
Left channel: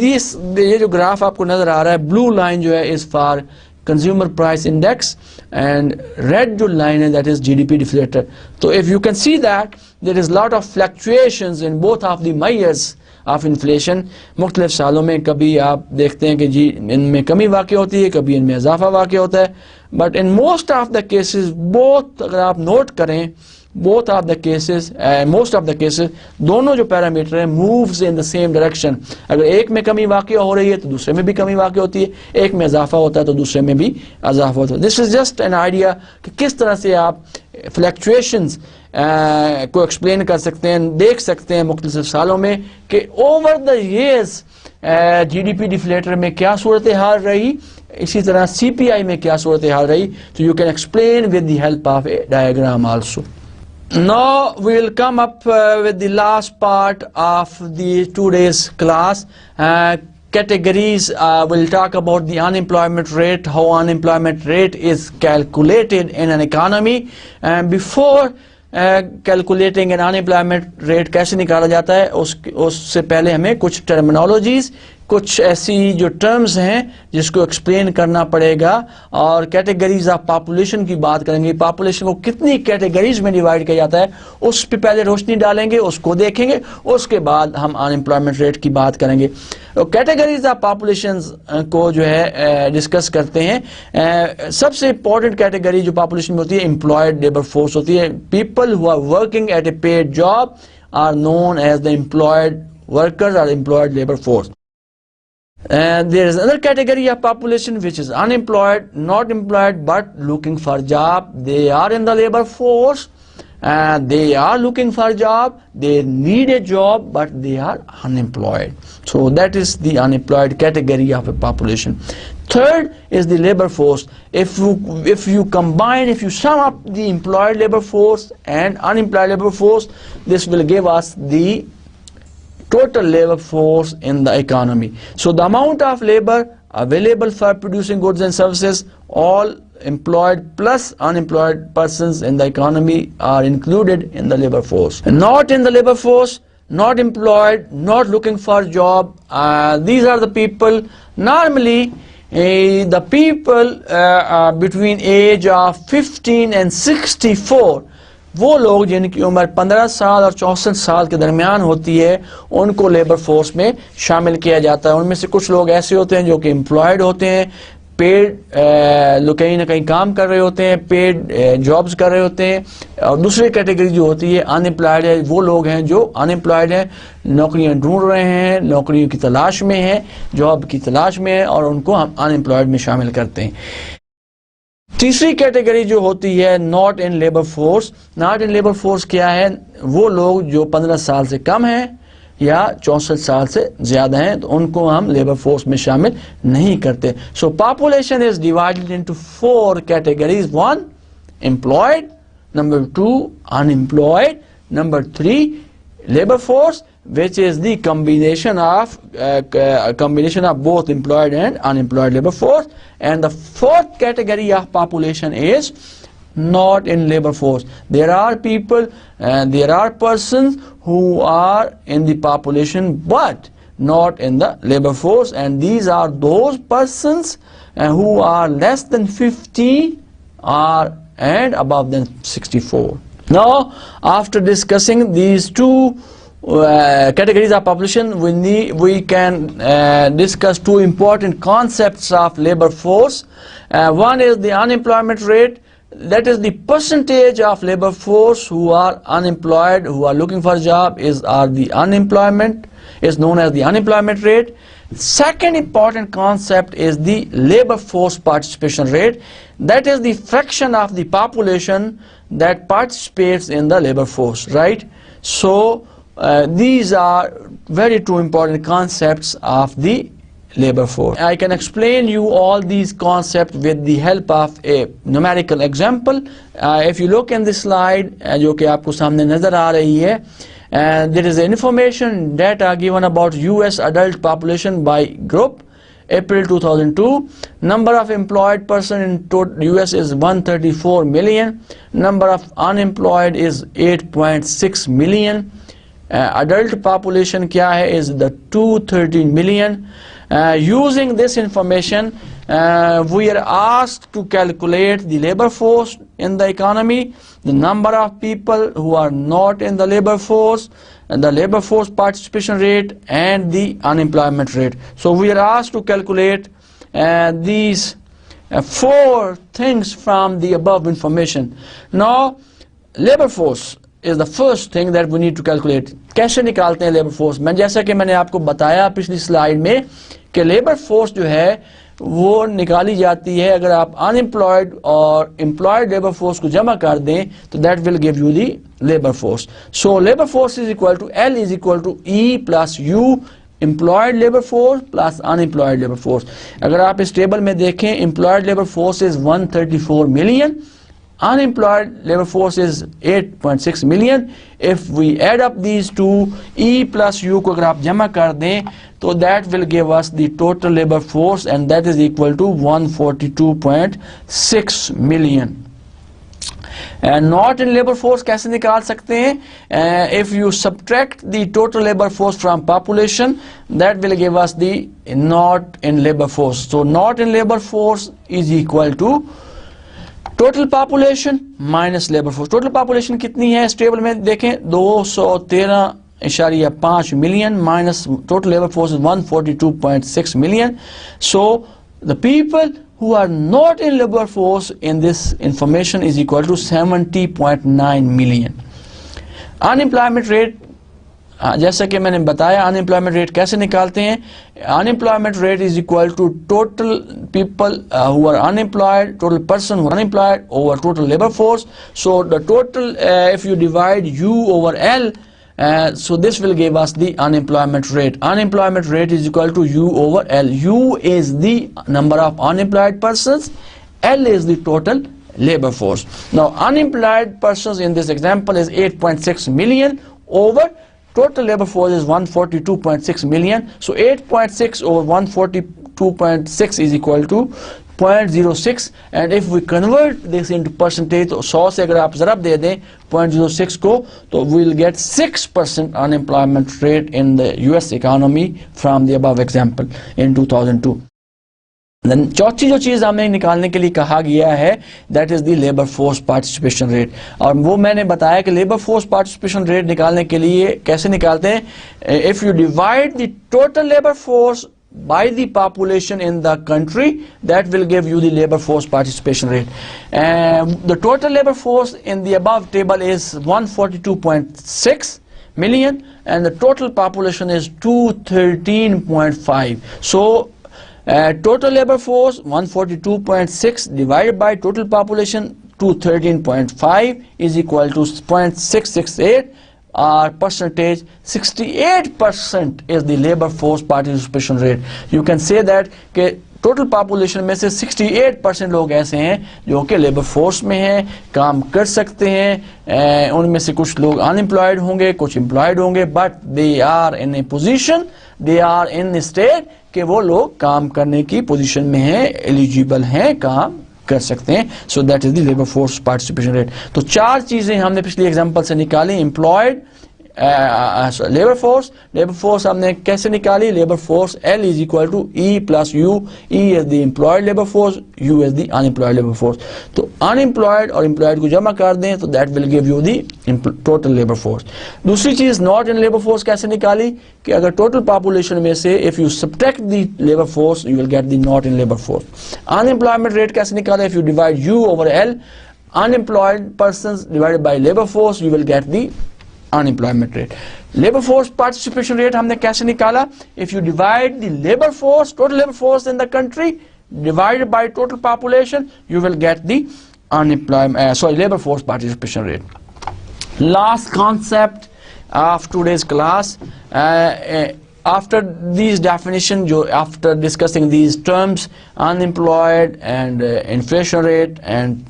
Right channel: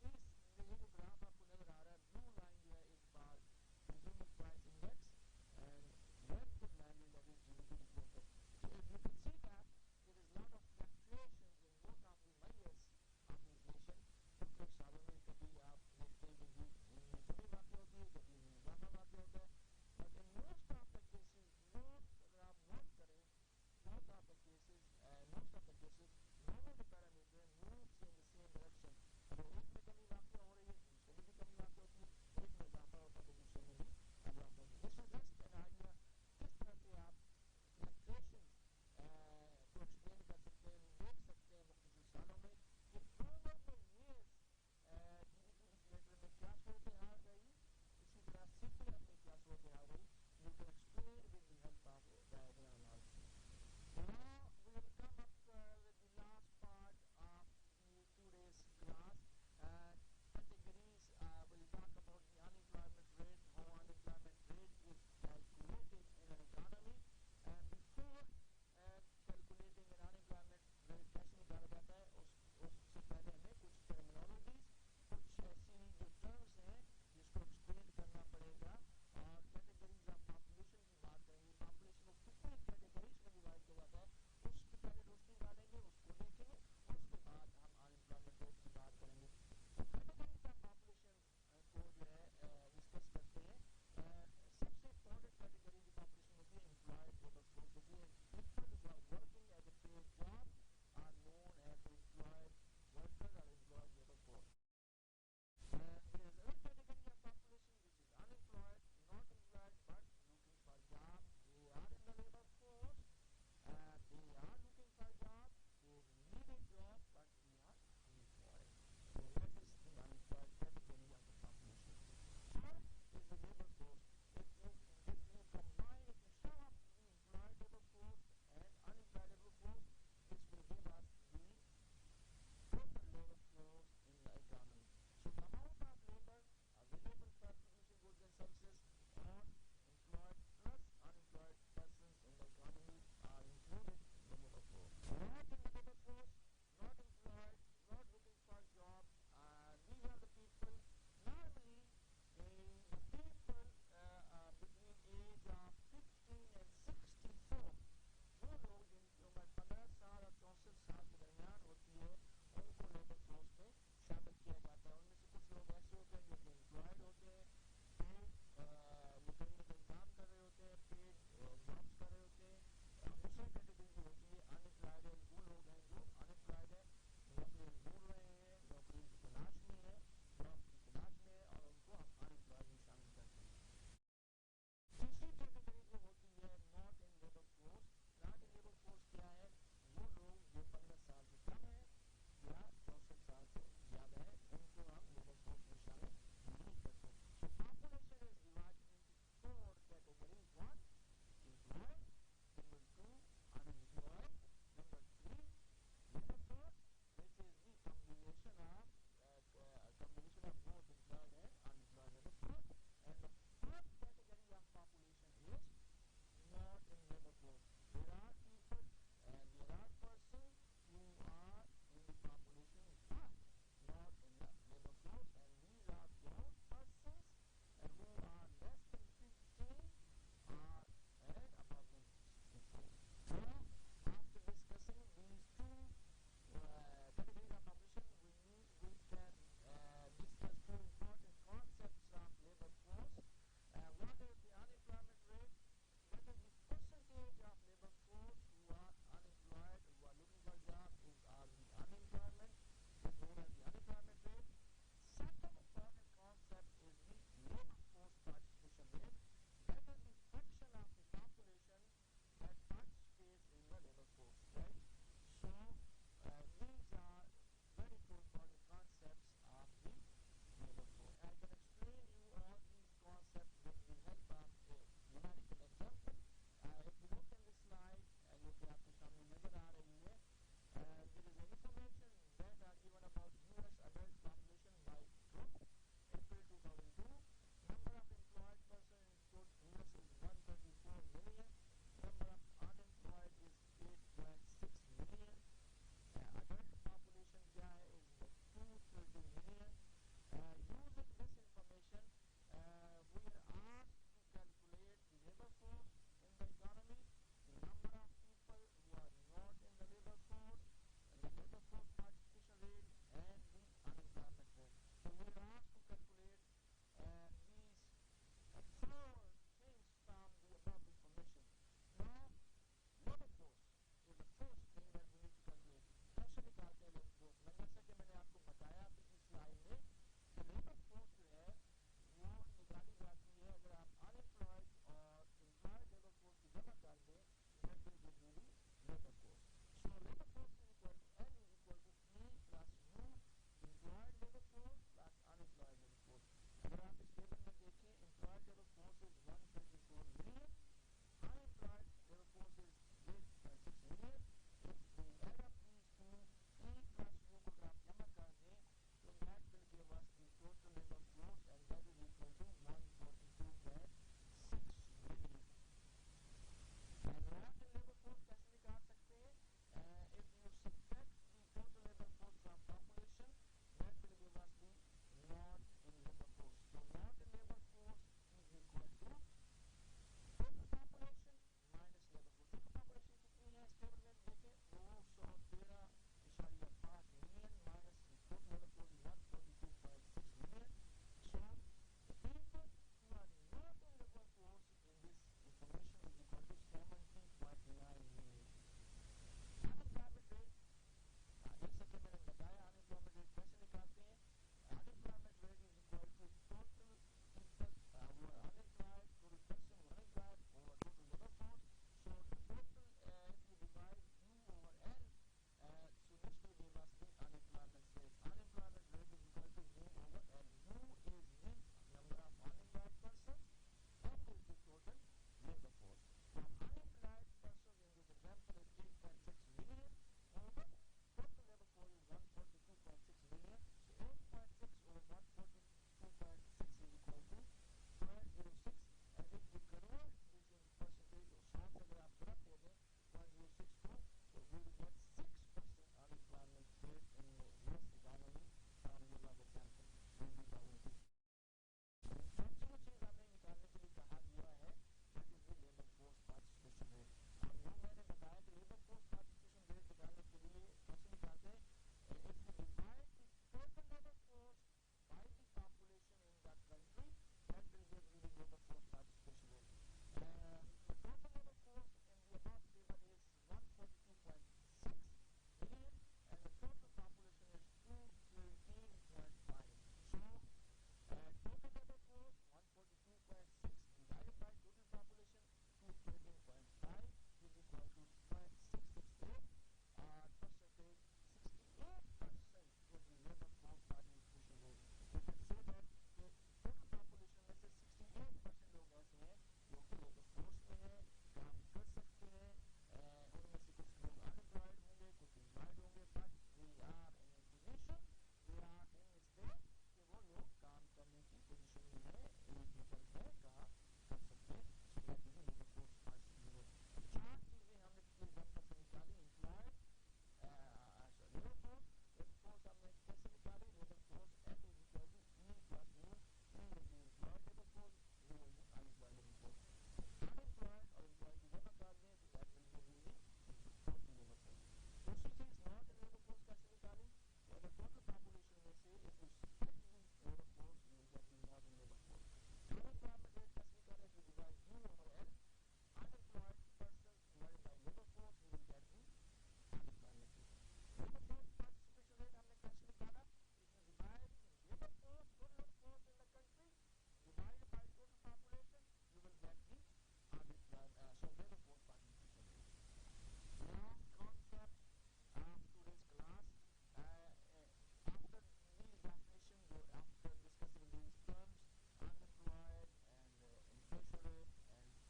ये जो ग्राफ आपको नजर आ रहा है, ब्लू लाइन जो है is for consumer price index and red जो लाइन है दैट इज जीडीपी डिफ्लेटर। तो if you can see that there is lot of fluctuations in both of the measures of inflation. मुख्तलिफ सालों में कभी आप देखते हैं कि जी इनमें कमी वाक़ होती है, कभी इनमें इजाफा वाक़ होता है, but in most of the cases both, अगर आप नोट करें both of the cases, most of the cases, दोनों जो पैरामीटर हैं moves in the same direction। अगर एक में कमी वाक़ हो रही है तो दूसरे में भी कमी वाक़ होती है, एक में इजाफा होता है तो दूसरे में भी इजाफा होता है। This is just an idea कि किस तरह से आप फ्लक्चुएशंस को एक्सप्लेन कर सकते हैं, देख सकते हैं मुख्तलिफ सालों में कि over the years GDP deflator में क्या सूरत हाल रही, इसी तरह सीपीआई में क्या सूरत हाल रही। तो you can explain with the help of A diagram also. Now we will come up with the last part of the today's class. Categories, we'll talk about the unemployment rate, how unemployment rate is calculated in an economy, and before calculating an unemployment rate कैसे निकाला जाता है उससे पहले हमें कुछ terminologies, कुछ ऐसी जो टर्म्स हैं जिसको एक्सप्लेन करना पड़ेगा, और कैटेगरीज ऑफ पॉपुलेशन की बात करेंगे। पॉपुलेशन को कितनी कैटेगरीज में डिवाइड किया जाता है उस पर पहले रोशनी डालेंगे, उसको देखेंगे, उसके बाद हम अनएम्प्लॉयमेंट रेट की बात करेंगे। तो कैटेगरीज ऑफ पॉपुलेशन को जो है डिस्कस करते हैं। सबसे इंपॉर्टेंट कैटेगरी जो पॉपुलेशन में होती है एम्प्लॉयड लेबर फोर्स होती है। People who are working at a paid job are known as the employed workers और employed labour force. And there is another category of population which is unemployed, not employed but looking for job. They are in the labor force and they are looking for job. They need a job but they are unemployed. So that is the unemployed category of a population. Third is the labor force. If you combine, if you sum up the employed labor force and unemployed labor force, this will give us the total labor force in the economy. So the amount of labor available for producing goods and services, all employed plus unemployed persons in the economy are included in the labor force. And not in the labor force, not employed, not looking for job, these are the people normally the people between age of 15 and 64, वो लोग जिनकी उम्र 15 साल और 64 साल के दरमियान होती है उनको लेबर फोर्स में शामिल किया जाता है। उनमें से कुछ लोग ऐसे होते हैं जो कि एम्प्लॉयड होते हैं, पेड कहीं ना कहीं काम कर रहे होते हैं, पेड जॉब्स कर रहे होते हैं, और दूसरी कैटेगरी जो होती है अनएम्प्लॉयड है, वो लोग हैं जो अनएम्प्लॉयड हैं, नौकरियां ढूंढ रहे हैं, नौकरियों की तलाश में हैं, जॉब की तलाश में है, और उनको हम अनएम्प्लॉयड में शामिल करते हैं। तीसरी कैटेगरी जो होती है not in labour force. Not in labour force क्या है? वो लोग जो 15 साल से कम हैं या 64 साल से ज्यादा हैं, तो उनको हम लेबर फोर्स में शामिल नहीं करते। सो population is divided into 4 categories. 1 employed, number 2 unemployed, number 3 labour force, which is the combination of both employed and unemployed labor force, and the 4th category of population is not in labor force. There are people and there are persons who are in the population but not in the labor force, and these are those persons who are less than 50 and above than 64. Now, after discussing these two categories of population, we can discuss two important concepts of labor force. One is the unemployment rate, that is the percentage of labor force who are unemployed, who are looking for a job, is known as the unemployment rate. Second important concept is the labor force participation rate. That is the fraction of the population that participates in the labor force, right? So these are very two important concepts of the labor force. I can explain you all these concepts with the help of a numerical example. If you look in this slide, जो कि आपको सामने नजर आ रही है, and there is information data given about US adult population by group. April 2002, number of employed person in US is 134 million, number of unemployed is 8.6 million, adult population क्या है is the 213 million. Using this information, we are asked to calculate the labor force in the economy, the number of people who are not in the labor force, and the labor force participation rate, and the unemployment rate. So we are asked to calculate these four things from the above information. Now, labor force is the first thing that we need to calculate. कैसे निकालते हैं labor force? जैसा कि मैंने आपको बताया पिछली slide में कि labor force जो है वो निकाली जाती है अगर आप unemployed और employed labor force को जमा कर दें तो that will give you the labor force. So labor force is equal to L is equal to E plus U, employed labor force plus unemployed labor force. अगर आप इस table में देखें, employed labor force is 134 million, unemployed labor force is 8.6 million. If we add up these two, E plus U को अगर आप जमा कर दें तो that will give us the total labor force, and that is equal to 142.6 million. And not in labor force कैसे निकाल सकते हैं? If you subtract the total labor force from population, that will give us the not in labor force. So not in labor force is equal to total population minus labor force. Total population कितनी है इस table में देखें, 213.5 million minus total labor force is 142.6 million. So the people who are not in labor force in this information is equal to 70.9 million. Unemployment rate, जैसा कि मैंने बताया unemployment rate कैसे निकालते हैं? Unemployment rate is equal to total people who are unemployed, total person who are unemployed over total labor force. So the total, if you divide U over L, so this will give us the unemployment rate. Unemployment rate is equal to U over L. U is the number of unemployed persons, L is the total labor force. Now unemployed persons in this example is 8.6 million over total labor force is 142.6 million. So 8.6 over 142.6 is equal to 0.06, and if we convert this into percentage, तो 100 से अगर आप ज़रब दे दें 0.06 को, तो we will get 6% unemployment rate in the US economy from the above example in 2002. Then चौथी जो चीज़ हमें निकालने के लिए कहा गया है, that is the labor force participation rate. और वो मैंने बताया कि labor force participation rate निकालने के लिए कैसे निकालते हैं? If you divide the total labor force by the population in the country, that will give you the labor force participation rate. The total labor force in the above table is 142.6 million and the total population is 213.5. So total labor force 142.6 divided by total population 213.5 is equal to 0.668. Our percentage 68% is the labor force participation rate. You can say that कि total population में से 68% लोग ऐसे हैं जो कि labor force में हैं, काम कर सकते हैं, उनमें से कुछ लोग unemployed होंगे, कुछ employed होंगे, but they are in a position, they are in a state कि वो लोग काम करने की position में हैं, eligible हैं, काम कर सकते हैं. So that is the labor force participation rate. तो चार चीजें हमने पिछली एग्जांपल से निकाली. employed labor force हमने कैसे निकाली? labor force L is equal to E plus U. E is the employed labor force, U is the unemployed labor force. तो unemployed और employed को जमा कर दें तो that will give you the total labor force. दूसरी चीज not in labor force कैसे निकाली? कि अगर total population में से if you subtract the labor force you will get the not in labor force. Unemployment rate कैसे निकाला? If you divide U over L, unemployed persons divided by labor force, you will get the unemployment rate. Labor force participation rate हमने कैसे निकाला? If you divide the labor force, total labor force in the country, divided by total population, you will get the labor force participation rate. Last concept of today's class, after these definitions, after discussing these terms, unemployed and inflation rate and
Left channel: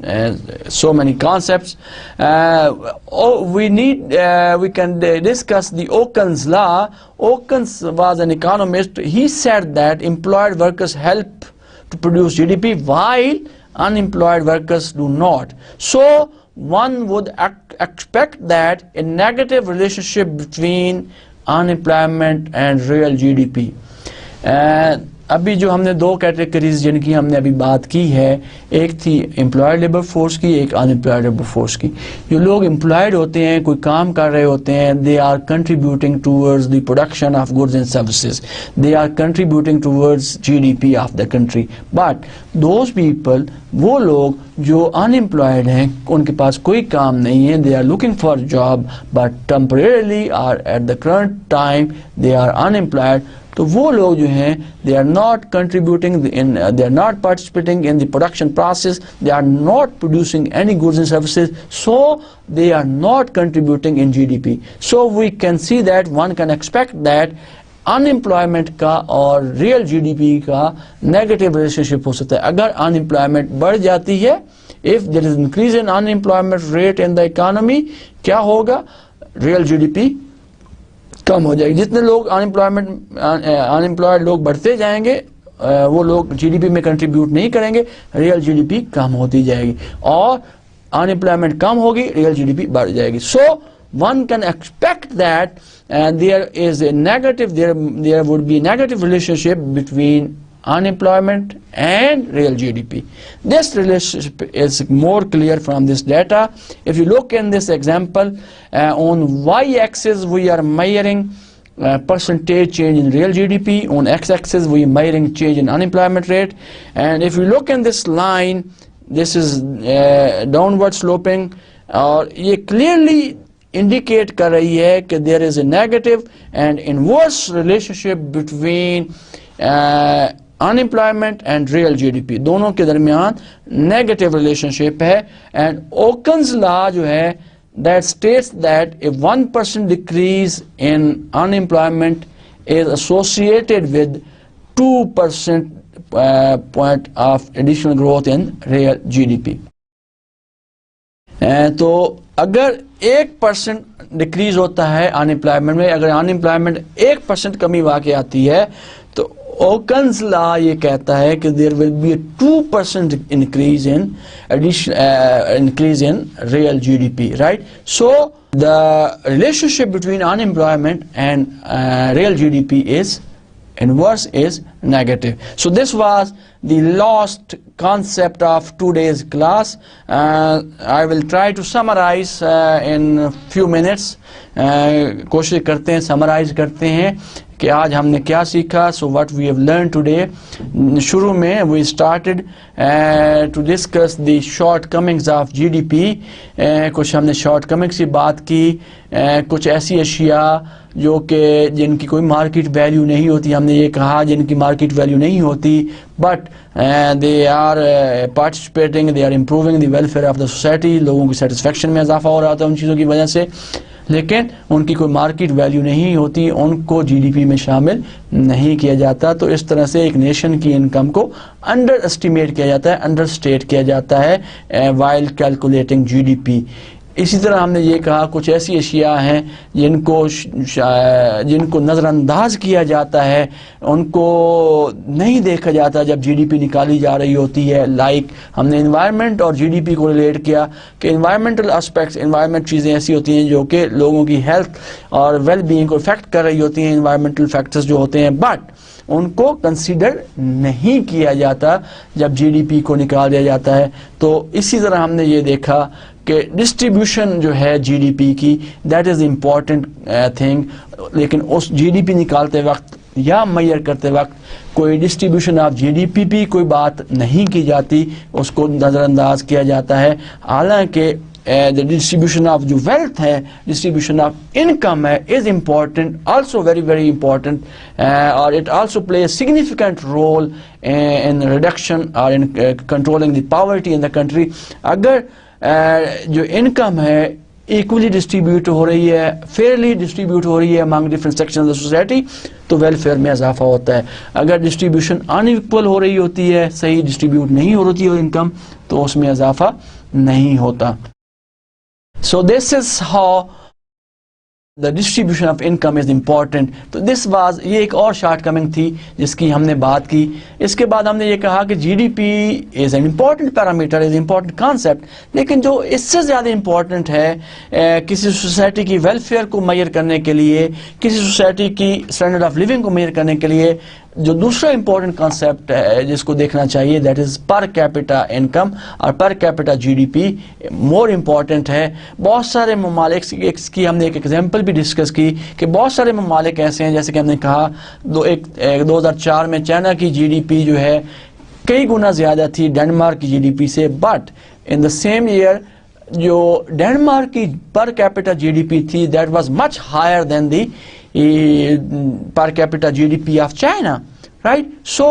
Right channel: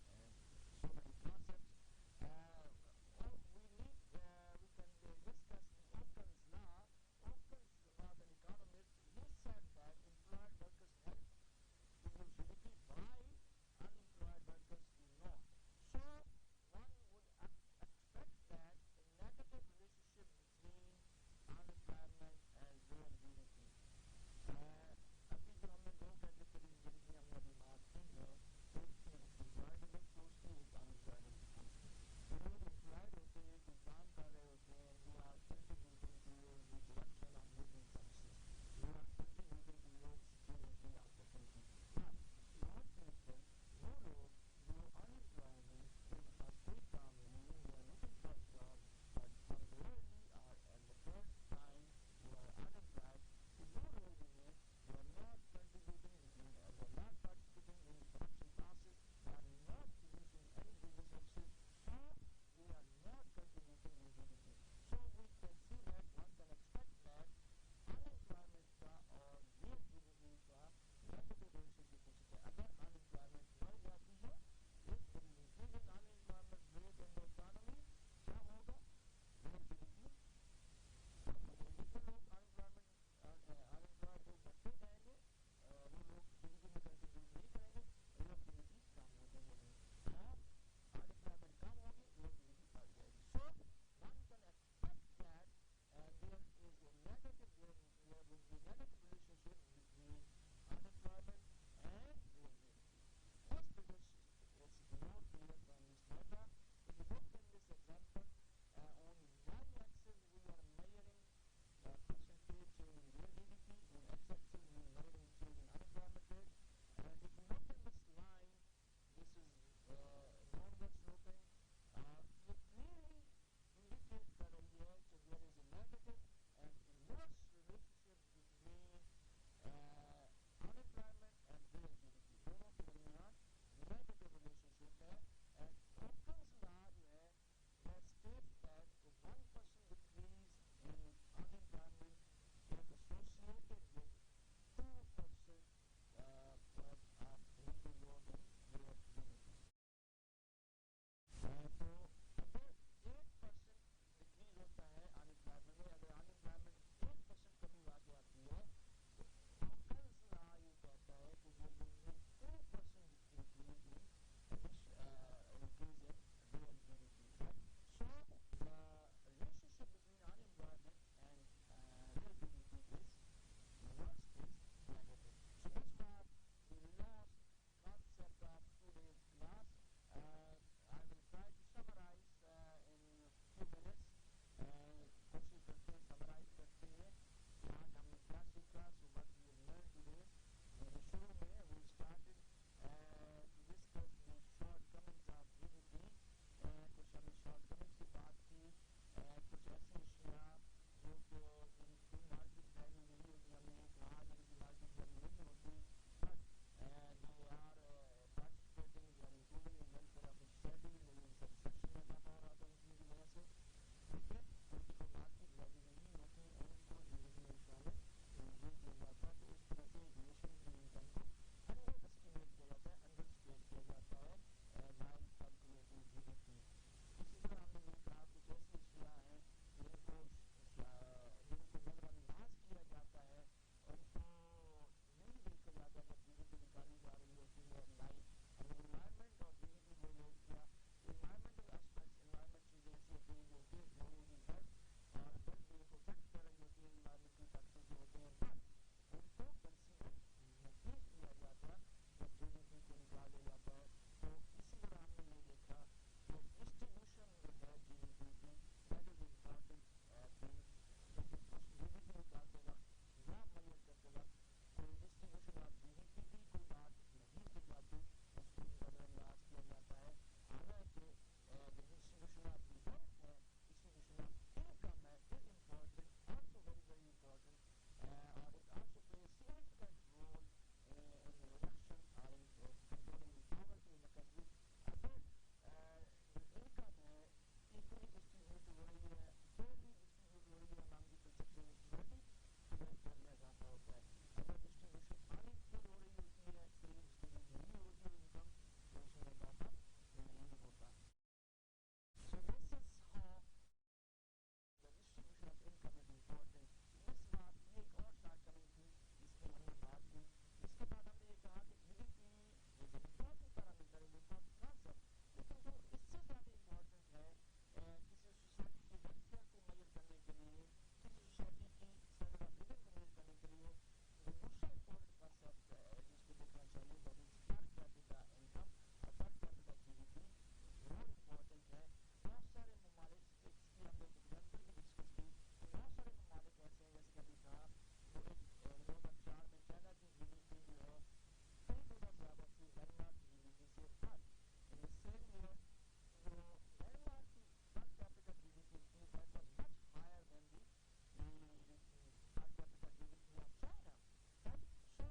so many concepts, we can discuss the Okun's law. Okun was an economist. He said that employed workers help to produce GDP while unemployed workers do not. So one would expect that a negative relationship between unemployment and real GDP. अभी जो हमने दो categories जिनकी हमने अभी बात की है, एक थी एम्प्लॉयड लेबर फोर्स की, एक अनएम्प्लॉयड लेबर फोर्स की. जो लोग एम्प्लॉयड होते हैं, कोई काम कर रहे होते हैं, they are contributing towards the production of goods and services, they are contributing towards GDP of the country. But those people, वो लोग जो अनएम्प्लॉयड हैं, उनके पास कोई काम नहीं है, they are looking for job but temporarily are at the current time they are unemployed. तो वो लोग जो हैं, they are not contributing they are not participating in the production process, they are not producing any goods and services, so they are not contributing in GDP. So we can see that one can expect that unemployment का और real GDP का negative relationship हो सकता है. अगर unemployment बढ़ जाती है, if there is increase in unemployment rate in the economy, क्या होगा? Real GDP कम हो जाएगी. जितने लोग अनएम्प्लॉयड लोग बढ़ते जाएंगे, वो लोग जीडीपी में कंट्रीब्यूट नहीं करेंगे, रियल जीडीपी कम होती जाएगी. और अनएम्प्लॉयमेंट कम होगी, रियल जीडीपी बढ़ जाएगी. सो one can expect that there would be a negative relationship between unemployment and real GDP. This relationship is more clear from this data. If you look in this example, on y-axis we are measuring percentage change in real GDP, on x-axis we are measuring change in unemployment rate, and if you look in this line, this is downward sloping, और ये clearly indicate कर रही है कि there is a negative and inverse relationship between unemployment and real GDP. दोनों के दरमियान negative relationship है. And Okun's law जो है, that states that a 1% decrease in unemployment is associated with 2% point of additional growth in real GDP. तो अगर 1% decrease होता है अनएम्प्लॉयमेंट में, अगर अनएम्प्लॉयमेंट 1% कमी वाक़ आती है, तो ओकन्स लॉ ये कहता है कि there will be 2% increase in real GDP, right? So the relationship between unemployment and real GDP is inverse, is negative. So this was the last concept of today's class. I will try to summarize in a few minutes. कोशिश करते हैं, summarize करते हैं कि आज हमने क्या सीखा. So what we have learned today. शुरू में we started to discuss the shortcomings of GDP. कुछ हमने shortcomings की बात की, कुछ ऐसी अशिया जो कि जिनकी कोई मार्केट वैल्यू नहीं होती, हमने ये कहा जिनकी मार्केट वैल्यू नहीं होती, but they are participating, they are improving the welfare of the society, लोगों की सेटिस्फेक्शन में इजाफा हो रहा था उन चीज़ों की वजह से, लेकिन उनकी कोई मार्केट वैल्यू नहीं होती, उनको जीडीपी में शामिल नहीं किया जाता. तो इस तरह से एक नेशन की इनकम को अंडर एस्टिमेट किया जाता है, अंडर स्टेट किया जाता है वाइल कैलकुलेटिंग जीडीपी. इसी तरह हमने ये कहा कुछ ऐसी अशिया हैं जिनको नज़रअंदाज किया जाता है, उनको नहीं देखा जाता जब जीडीपी निकाली जा रही होती है. लाइक हमने एनवायरनमेंट और जीडीपी को रिलेट किया कि एनवायरमेंटल एस्पेक्ट्स, एनवायरनमेंट चीज़ें ऐसी होती हैं जो कि लोगों की हेल्थ और वेल बीइंग को इफेक्ट कर रही होती हैं, एनवायरमेंटल फैक्टर्स जो होते हैं, बट उनको कंसीडर नहीं किया जाता जब जीडीपी को निकाल दिया जाता है. तो इसी तरह हमने ये देखा कि डिस्ट्रीब्यूशन जो है जीडीपी की, दैट इज़ इम्पॉर्टेंट थिंग, लेकिन उस जीडीपी निकालते वक्त या मेजर करते वक्त कोई डिस्ट्रीब्यूशन ऑफ जीडीपी भी कोई बात नहीं की जाती, उसको नज़रअंदाज किया जाता है। हालांकि the distribution of जो wealth है, distribution of income है, is important, also very important, or it also plays a significant role in reduction or in controlling the poverty in the country. अगर जो income है equally distribute हो रही है, fairly distribute हो रही है among different sections of the society, तो welfare में इजाफा होता है। अगर distribution unequal हो रही होती है, सही distribute नहीं हो रही है income, तो उसमें इजाफा नहीं होता। So this is how the distribution of income is important. तो this was, ये एक और shortcoming थी जिसकी हमने बात की। इसके बाद हमने ये कहा कि GDP is an important parameter, is an important concept, लेकिन जो इससे ज़्यादा important है किसी सोसाइटी की वेलफेयर को मेजर करने के लिए, किसी सोसाइटी की स्टैंडर्ड ऑफ लिविंग को मेजर करने के लिए, जो दूसरा इंपॉर्टेंट कॉन्सेप्ट है जिसको देखना चाहिए, दैट इज़ पर कैपिटा इनकम और पर कैपिटा जीडीपी मोर इम्पॉर्टेंट है। बहुत सारे ममालिक की हमने एक एग्जांपल भी डिस्कस की कि बहुत सारे ममालिक ऐसे हैं, जैसे कि हमने कहा 2004 में चाइना की जीडीपी जो है कई गुना ज़्यादा थी डेनमार्क की जीडीपी से, but in the same year जो डेनमार्क की पर कैपिटा जीडीपी थी that was much higher than the per capita GDP of China, right? So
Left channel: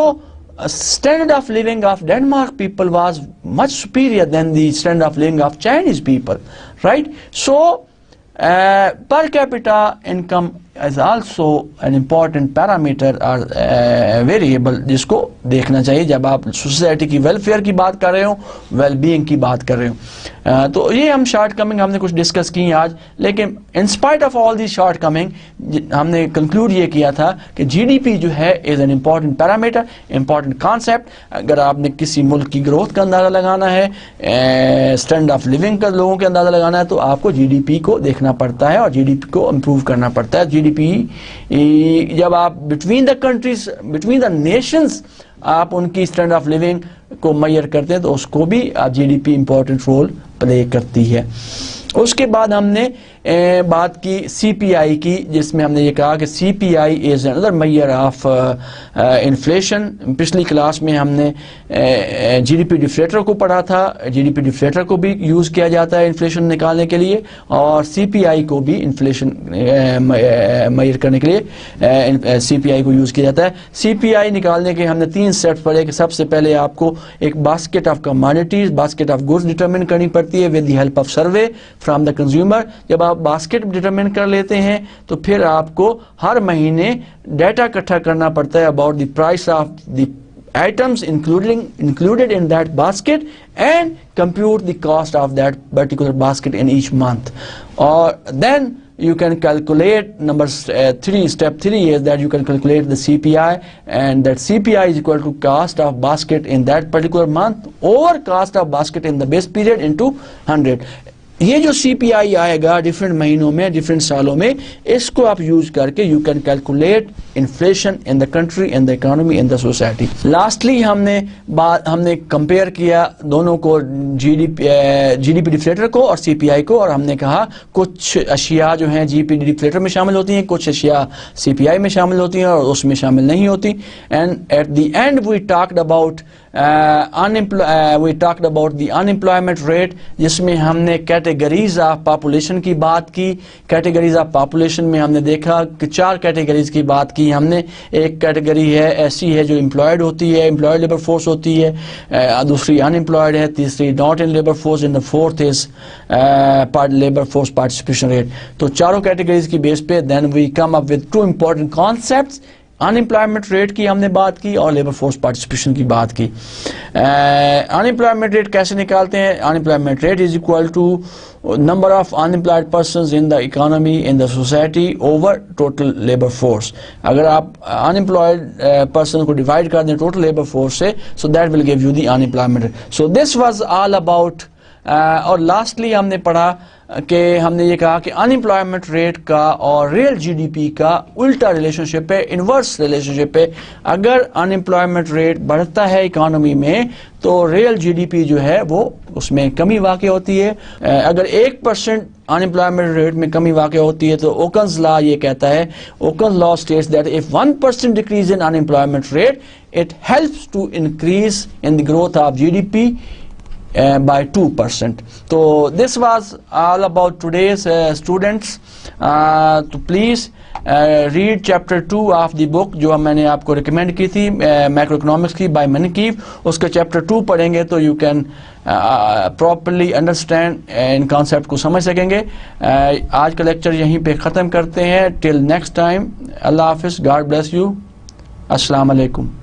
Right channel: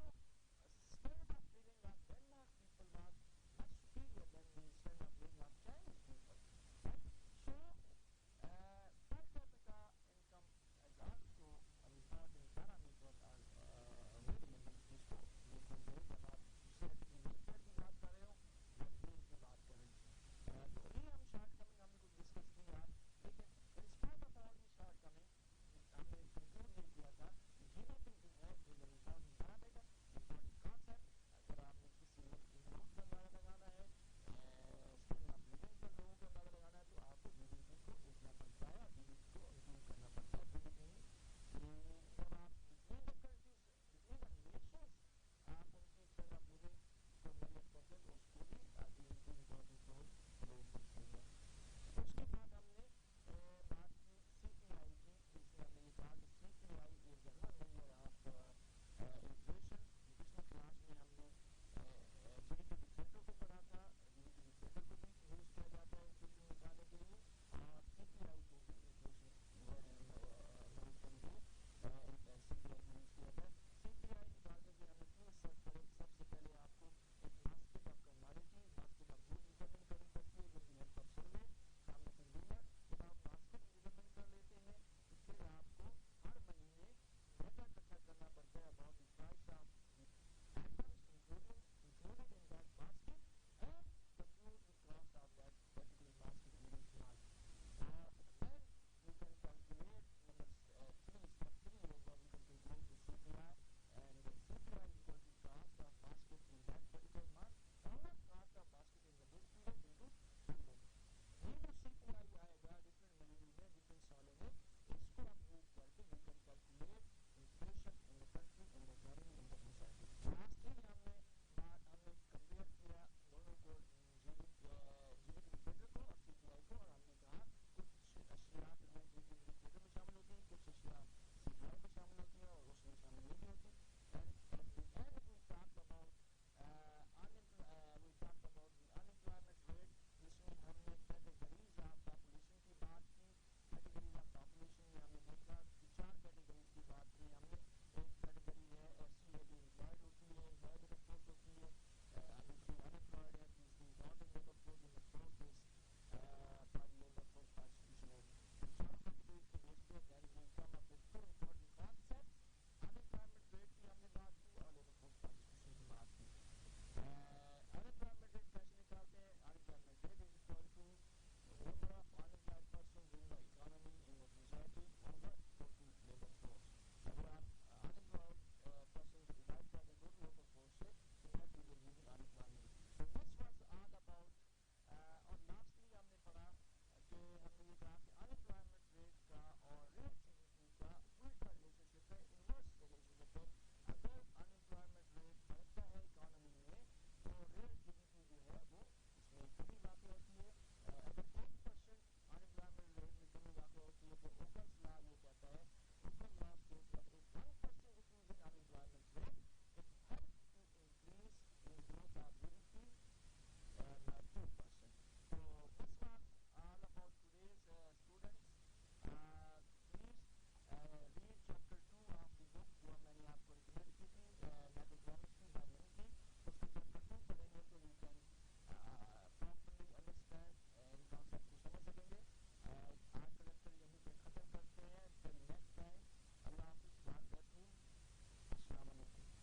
standard of living of Denmark people was much superior than the standard of living of Chinese people, right? So per capita income is also an important parameter or variable जिसको देखना चाहिए जब आप society की welfare की बात कर रहे हो, वेलबीइंग की बात कर रहे हो। तो ये हम शॉर्टकमिंग हमने कुछ डिस्कस की आज, लेकिन in spite of all the shortcoming हमने कंक्लूड ये किया था कि जीडीपी जो है is an important parameter, important concept. अगर आपने किसी मुल्क की ग्रोथ का अंदाज़ा लगाना है, स्टैंडर्ड ऑफ लिविंग का लोगों के अंदाज़ा लगाना है, तो आपको जीडीपी को देखना पड़ता है और जीडीपी को इम्प्रूव करना पड़ता है। जीडीपी जब आप between the countries, between the Nations आप उनकी स्टैंडर्ड ऑफ लिविंग को मेजर करते हैं तो उसको भी जीडीपी इंपॉर्टेंट रोल प्ले करती है। उसके बाद हमने बात की सीपीआई की, जिसमें हमने ये कहा कि CPI is another major of inflation. पिछली क्लास में हमने जीडीपी डिफ्लेटर को पढ़ा था, जीडीपी डिफ्लेटर को भी यूज़ किया जाता है इन्फ्लेशन निकालने के लिए, और सीपीआई को भी इन्फ्लेशन मेजर करने के लिए सीपीआई को यूज़ किया जाता है। सीपीआई निकालने के हमने 3 स्टेप्स पढ़े कि सबसे पहले आपको एक basket of commodities, basket of goods determine करनी पड़ती है with the help of survey from the consumer. जब आप बास्केट डिटरमिन कर लेते हैं तो फिर आपको हर महीने डाटा इकट्ठा करना पड़ता है about the price of the items included in that basket and compute the cost of that particular basket in each month. Or then you can calculate step 3 is that you can calculate the CPI, and that CPI is equal to cost of basket in that particular month over cost of basket in the base period into 100. ये जो CPI आएगा different महीनों में, different सालों में, इसको आप use करके you can calculate inflation in the country, in the economy, in the society. Lastly हमने कंपेयर किया दोनों को, जीडीपी डिफ्लेटर को और सीपीआई को, और हमने कहा कुछ अशिया जो हैं जीडीपी डिफ्लेटर में शामिल होती हैं, कुछ अशिया सीपीआई में शामिल होती हैं और उसमें शामिल नहीं होती। And at the end we talked about the unemployment rate, जिसमें हमने कैटेगरीज ऑफ पॉपुलेशन की बात की। कैटेगरीज ऑफ पॉपुलेशन में हमने देखा कि 4 कैटेगरीज की बात की हमने। एक कैटेगरी है ऐसी है जो एम्प्लॉयड होती है, एम्प्लॉयड लेबर फोर्स होती है, दूसरी अनएम्प्लॉयड है, तीसरी not in labour force, and the fourth is labour force participation rate. तो चारों कैटेगरीज की बेस पे then we come up with 2 important concepts. Unemployment rate की हमने बात की और लेबर फोर्स पार्टिसिपेशन की बात की। अनएम्प्लॉयमेंट रेट कैसे निकालते हैं? Unemployment rate is equal to number of unemployed persons in the economy, in the society over total labour force. अगर आप अनएम्प्लॉयड पर्सन को डिवाइड कर दें टोटल लेबर फोर्स से, so that will give you the unemployment rate. So this was all about. और lastly हमने पढ़ा कि हमने ये कहा कि अनएम्प्लॉयमेंट रेट का और रियल जीडीपी का उल्टा रिलेशनशिप है, इन्वर्स रिलेशनशिप है। अगर अनएम्प्लॉयमेंट रेट बढ़ता है इकोनॉमी में तो रियल जीडीपी जो है वो उसमें कमी वाक़ई होती है। अगर 1% अनएम्प्लॉयमेंट रेट में कमी वाक़ई होती है तो ओकन्स लॉ ये कहता है, Okun's law states that if 1% decrease in unemployment rate it helps to increase in the growth of GDP by 2%. So this was all about today's students. So please read chapter 2 of the book जो मैंने आपको recommend की थी Macroeconomics की by Manकीव। उसका chapter 2 पढ़ेंगे तो you can properly understand in concept को समझ सकेंगे। आज का lecture यहीं पे ख़त्म करते हैं। Till next time, Allah Hafiz, God bless you, Assalamu alaikum।